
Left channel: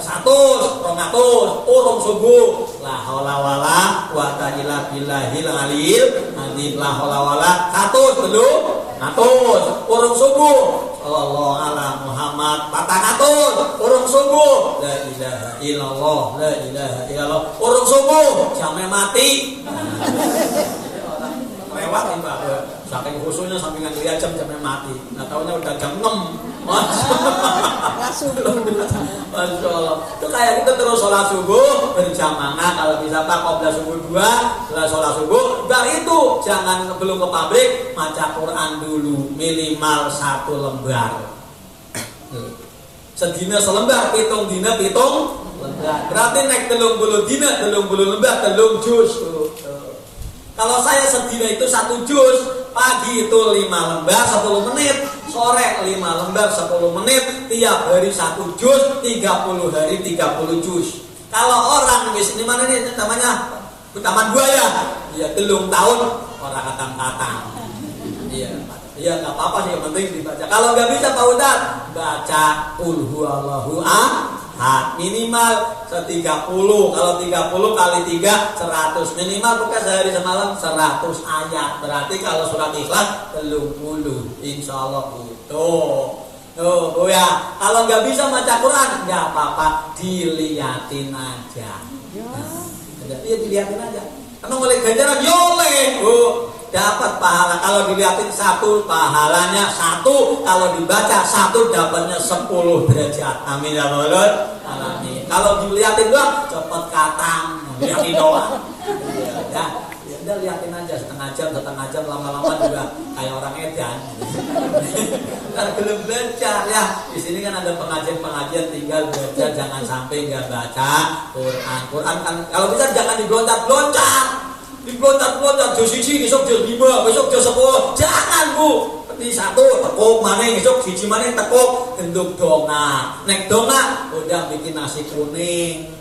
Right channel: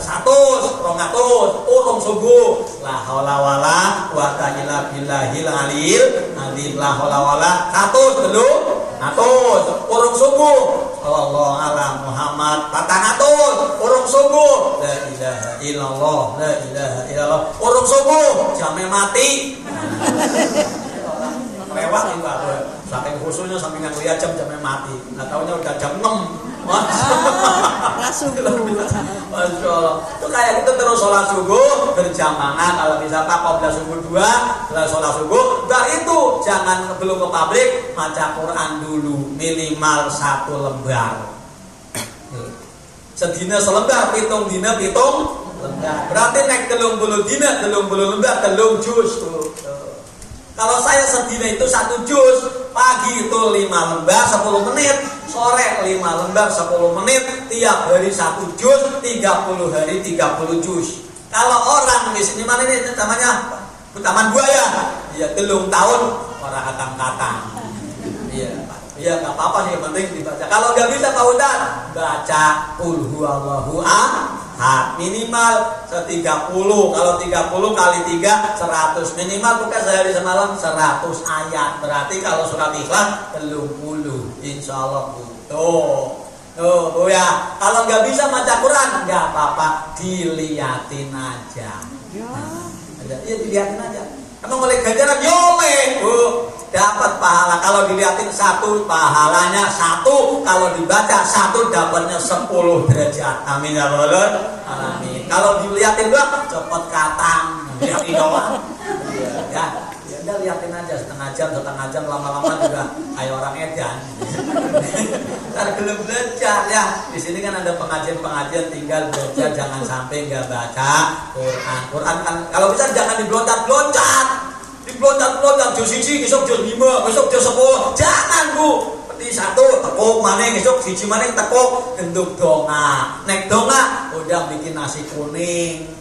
100, 200, urung subuh. La haula wala quwata illa billahil aliyil azim. La haula wala 100 dulu, 100 urung subuh. Sallallahu ala Muhammad 400 urung subuh. La ilaha illallah, la ilaha illallah urung subuh. Jamnya mati. Lewat ini Pak. Saking khususnya sampai yang lihat jamnya mati. Nggak tahunya udah jam 6. Masya Allah. Itu kayak gitu terus sholat subuh berjamaah. Kalau bisa Pak qabla subuh 2, setelah sholat subuh. Dan itu jangan belum ke pabrik, baca Quran dulu minimal 1 lembar. Sedina selembar, pitung dina pitung lembar. Berarti naik 30 dina 30 lembar 3 juz. Kalau saya sedina itu 1 juz, pagi itu 5 lembar 10 menit, sore 5 lembar 10 menit, tiap hari 1 juz, 30 hari 30 juz. Kalau orang di sini mana ini namanya Taman Buaya, ya 3 tahun orang kata-kata. Iya nggak apa-apa sih, yang penting dibaca. Kalau nggak bisa Pak Ustaz, baca Qul huwallahu ahad minimal 30. Kalau 30 kali 3 100 minimal, bukan sehari semalam 100 ayat. Berarti kalau surat Ikhlas 30 insyaallah butuh. Oh ya, kalau nggak bisa baca Quran nggak apa-apa, diliatin aja. Iya diliatin aja. Emang oleh ganjaran yoleh, dapat pahala. Kalau dilihatin 1 pahalanya 1, kalau dibaca 1 dapatnya 10 derajat. Amin ya rabbal alamin. Kalau dilihatin doang cepet katang, lihatin doang. Ya lihatin aja setengah jam lama-lama juga kayak orang edan. Kan belum belajar ya. Di sini kan ada pengajian tinggal belajar, jangan sampai nggak baca Quran. Quran kan kalau bisa jangan dibloncat-bloncat. Dibloncat-bloncat juz 1, besok juz 5, besok juz 10. Jangan Bu. Seperti 1 tepuk maneh, besok 1 maneh tepuk, genduk donga. Nek donga udah bikin nasi kuning.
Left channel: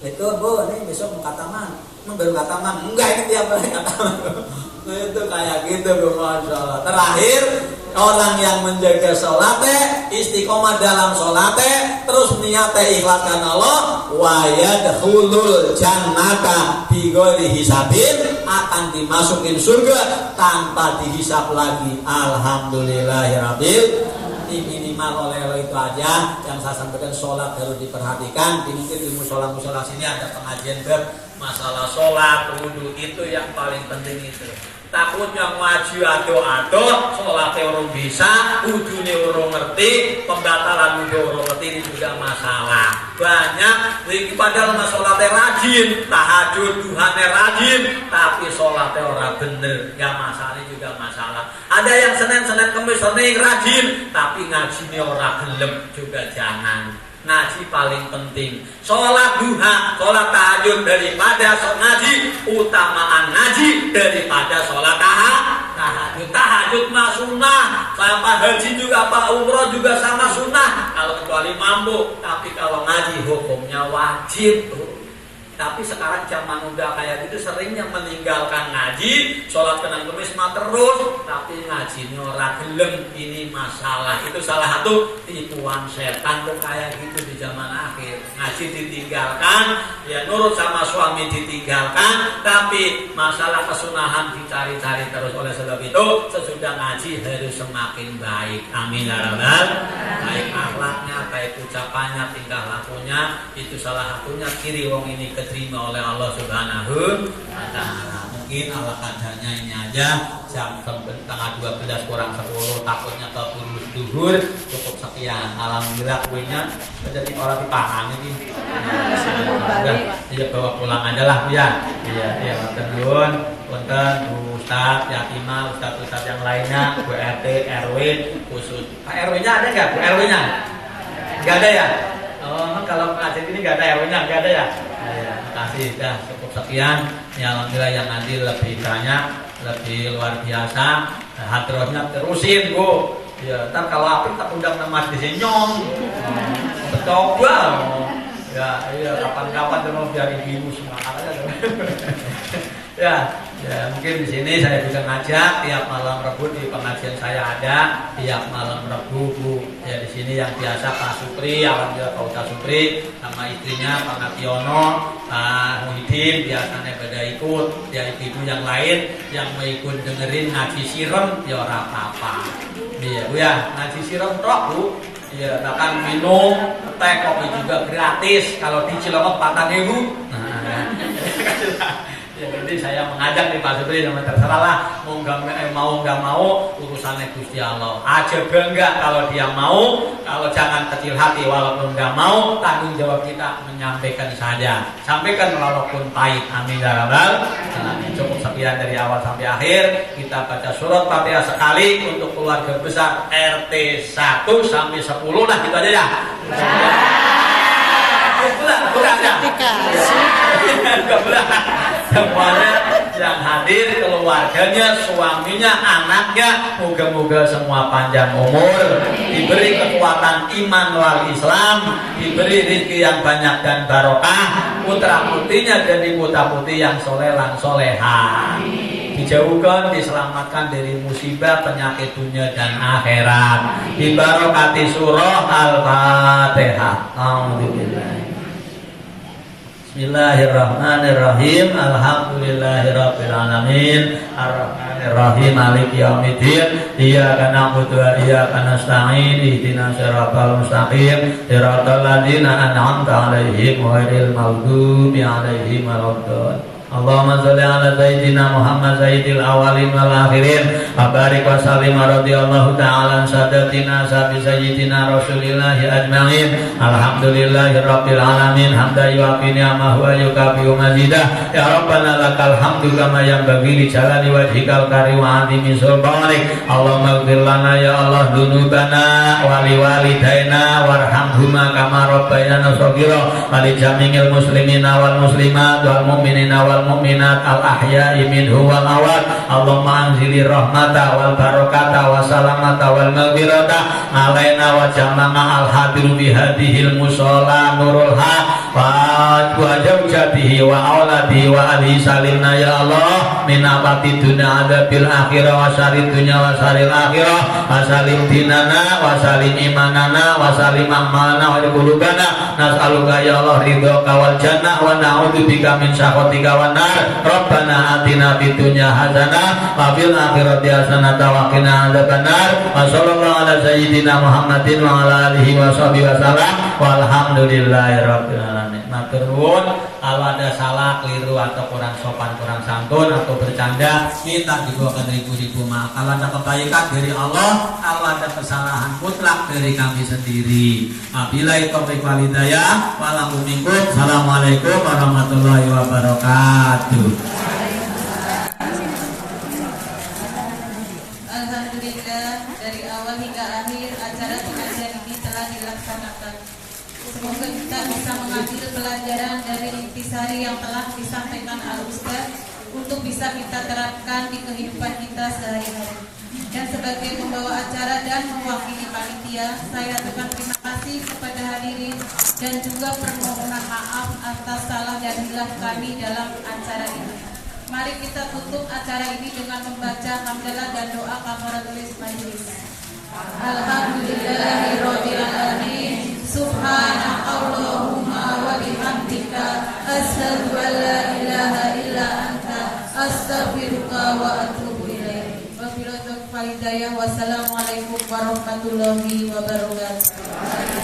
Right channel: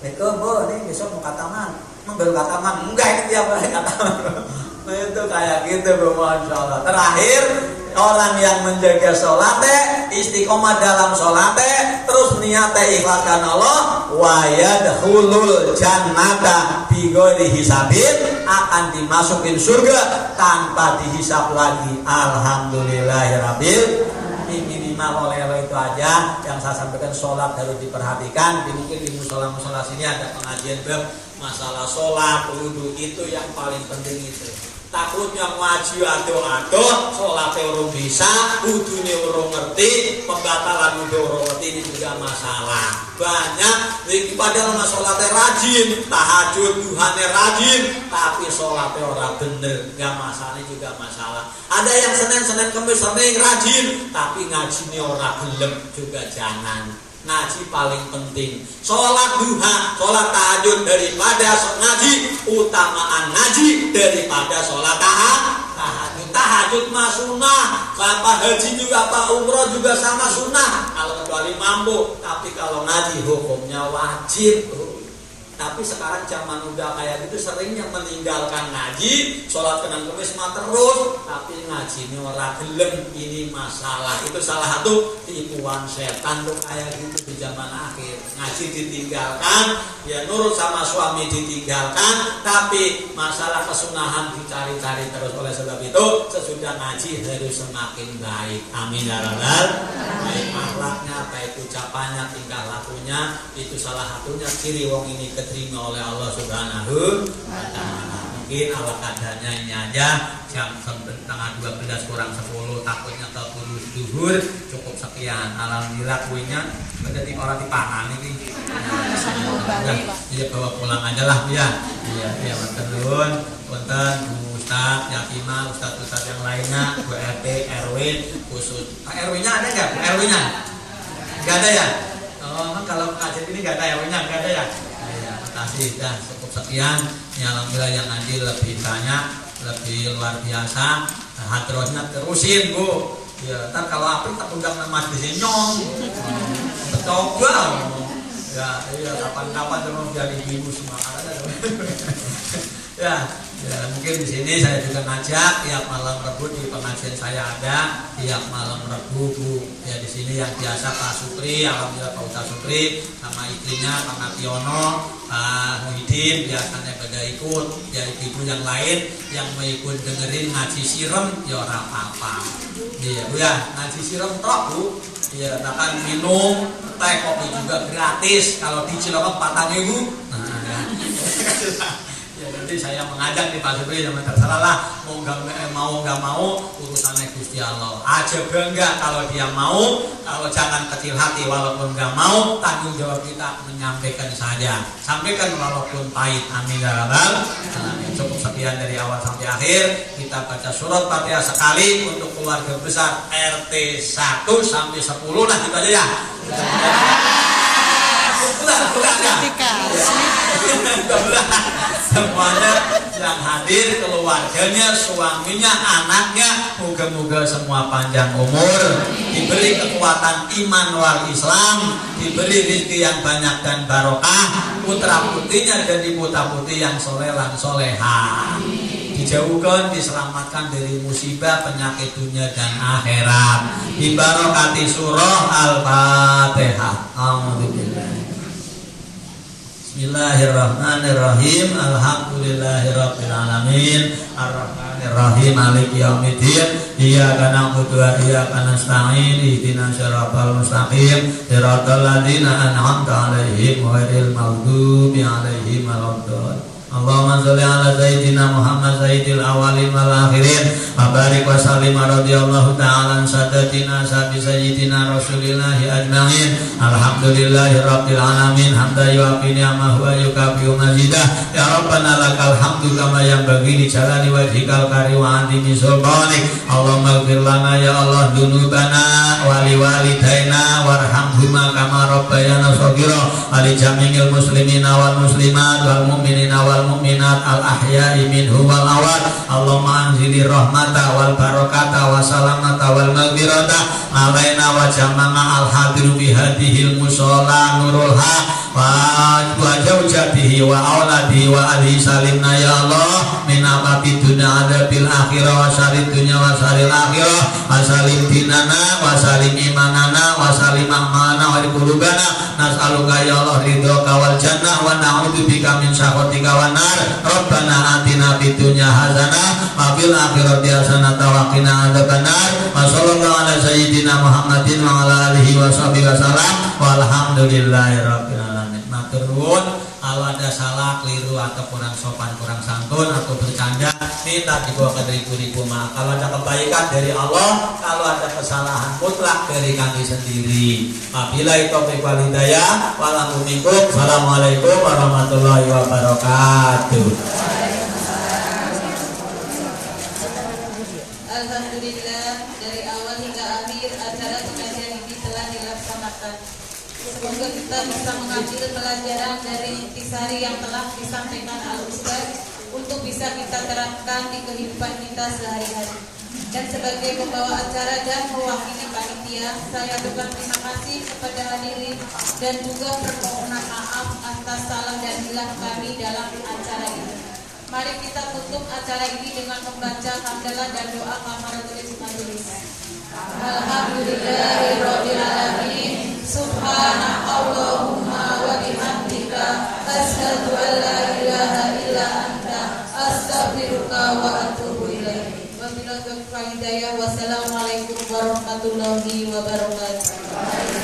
Nek Bu, nih besok mau kataman. Baru kataman, enggak ini tiap hari kataman. Itu kayak gitu Bu, Masya Allah. Terakhir, orang yang menjaga sholatnya, istiqomah dalam sholatnya, terus niatnya ikhlas karena Allah, wa yadkhulul jannata bighairi hisabin, akan dimasukin surga tanpa dihisab lagi. Alhamdulillahirabbil. Minimal oleh itu aja yang saya sampaikan. Sholat harus diperhatikan. Mungkin di musola-musola sini ada pengajian bab masalah sholat, wudhu, itu yang paling penting itu. Takutnya ngaji ado-ado, sholatnya urung bisa, wudhunya urung ngerti, pembatalan wudhu urung ngerti, ini juga masalah. Banyak, ini padahal sholatnya rajin, tahajud, duhannya rajin, tapi sholatnya orang bener, ya masalahnya juga masalah. Ada yang Senin Kemis sering rajin, tapi ngajinya orang gelem, juga jangan. Ngaji paling penting. Sholat duha, sholat tahajud daripada ngaji, utamaan ngaji daripada sholat tahajud. Tahajud mah sunnah, sama haji juga, apa umroh juga sama sunnah, kalau kecuali mampu. Tapi kalau ngaji hukumnya wajib. Tapi sekarang zaman udah kayak gitu, seringnya meninggalkan ngaji, sholat Senin Kemis mah terus, tapi ngajinya orang gelem. Ini masalah. Itu salah satu tipuan setan tuh kayak gitu di zaman akhir. Ngaji ditinggalkan, ya nurut sama suami ditinggalkan, tapi masalah kesunahan dicari-cari terus. Oleh sebab itu, sesudah ngaji harus semakin baik. Amin ya rabbal. Baik akhlaknya, baik ucapannya, tingkah lakunya, itu salah satunya ciri wong ini terima oleh Allah Subhanahu wa Ta'ala. Mungkin ala kadarnya ini aja, jam tengah 12 kurang 10, takutnya keburu duhur. Cukup sekian. Alhamdulillah kuenya jadi orang dipangan ini. Iya, bawa pulang aja lah ya. Iya, nuwun. Punten Bu Ustaz, Yakima, Ustaz yang lainnya, Bu RT, RW, khusus. Pak RW-nya ada nggak? Bu RW-nya? Nggak ada ya? Oh, kalau kajian ini nggak ada RW-nya, nggak ada ya? Kasih, dah cukup sekian. Ya alhamdulillah yang nanti lebih banyak, lebih luar biasa. Hadrohnya terusin Bu. Ya, ntar kalau apa kita undang nama di sini nyong. Coba. Ya, kapan-kapan mau biar ibu semua. Ya, mungkin di sini saya juga ngajak tiap malam Rabu di pengajian saya ada tiap malam Rabu Bu. Ya di sini yang biasa Pak Supri, alhamdulillah Pak Ustaz Supri sama istrinya Pak Nationo, Pak Muhyiddin biasanya pada ikut. Ya ibu yang lain yang mau ikut dengerin ngaji sirem ya ora apa-apa. Iya, Bu ya, ngaji sirem tok Bu. Iya, bahkan minum teh kopi juga gratis kalau di Cilongok 4.000. Ya, jadi saya mengajak nih Pak Supri, sama terserah lah, mau nggak mau urusannya Gusti Allah. Aja bangga kalau dia mau, kalau jangan kecil hati walaupun nggak mau, tanggung jawab kita menyampaikan saja. Sampaikan walaupun pahit. Amin ya rabbal alamin. Cukup sekian dari awal sampai akhir. Kita baca surat Fatihah sekali untuk keluarga besar RT 1 sampai 10 lah gitu aja ya. Semuanya yang hadir, keluarganya, suaminya, anaknya, moga-moga semua panjang umur, diberi kekuatan iman wal Islam, diberi rezeki yang banyak dan barokah, putra putrinya jadi putra putri yang solehan soleha, dijauhkan, diselamatkan dari musibah, penyakit dunia dan akhirat, dibarokati surah Al-Fatihah. Alhamdulillah. Bismillahirrahmanirrahim. Alhamdulillahirabbil alamin. Arrahmanirrahim. Maliki yaumiddin. Iyyaka na'budu wa iyyaka nasta'in. Ihdinas siratal mustaqim. Siratal ladzina an'amta 'alaihim ghairil maghdubi 'alaihim waladdallin. Allahumma sholli ala sayyidina Muhammad sayyidil awwalin wal akhirin wa barik wa sallim radhiyallahu ta'ala an sadatina sabi sayyidina Rasulillahi ajma'in. Alhamdulillahirabbil alamin hamdan yu'afi ni'amahu wa yukafi'u mazidah. Ya Rabbana lakal hamdu kama yanbaghi li jalali wajhikal karim wa 'azimi sultanik. Allahumma ighfir lana ya Allah dunubana wa liwalidaina warhamhuma kama rabbayana shaghira wa li jami'il muslimina wal muslimat wal mu'minina wal mu'minat al ahya'i minhu wal awad. Allahumma anzilir rahmata wal barakata wa salamata wal maghfirata alaina wa jama'na al hadir bi hadhil musalla nurul haq wa zawjatihi wa auladihi wa alihi salimna ya Allah min abati dunya adabil akhirah wa syarrid dunya wa syarril akhirah wa salim dinana wa salim imanana wa salim a'malana wa qulubana nas'aluka ya Allah ridhoka wal jannah wa na'udzubika min sakhatika wan nar rabbana atina fid dunya hasanah wa fil akhirati hasanah wa qina adzabannar wa sallallahu ala sayyidina Muhammadin wa ala alihi wa sahbihi wasallam walhamdulillahirabbil alamin. Matur nuwun, kalau ada salah, keliru atau kurang sopan, kurang santun atau bercanda, minta dibawakan ribu-ribu maaf. Kalau ada kebaikan dari Allah, kalau ada kesalahan mutlak dari kami sendiri. Wabillahi taufiq wal hidayah. Assalamualaikum warahmatullahi wabarakatuh. Alhamdulillah, dari awal hingga akhir acara pengajian ini telah dilaksanakan. Semoga kita bisa mengambil pelajaran dari intisari yang telah disampaikan Al-Ustaz untuk bisa kita terapkan di kehidupan kita sehari-hari. Dan sebagai pembawa acara dan mewakili panitia, saya aturkan terima kasih kepada hadirin dan juga permohonan maaf atas salah dan hilaf kami dalam acara ini. Mari kita tutup acara ini dengan membaca hamdalah dan doa kafaratul majelis. Alhamdulillahirabbil alamin. Subhanakallahumma wa bihamdika asyhadu an la ilaha illa anta astaghfiruka wa atubu ilaik. Wabillahi taufiq wal hidayah. Wassalamualaikum warahmatullahi wabarakatuh.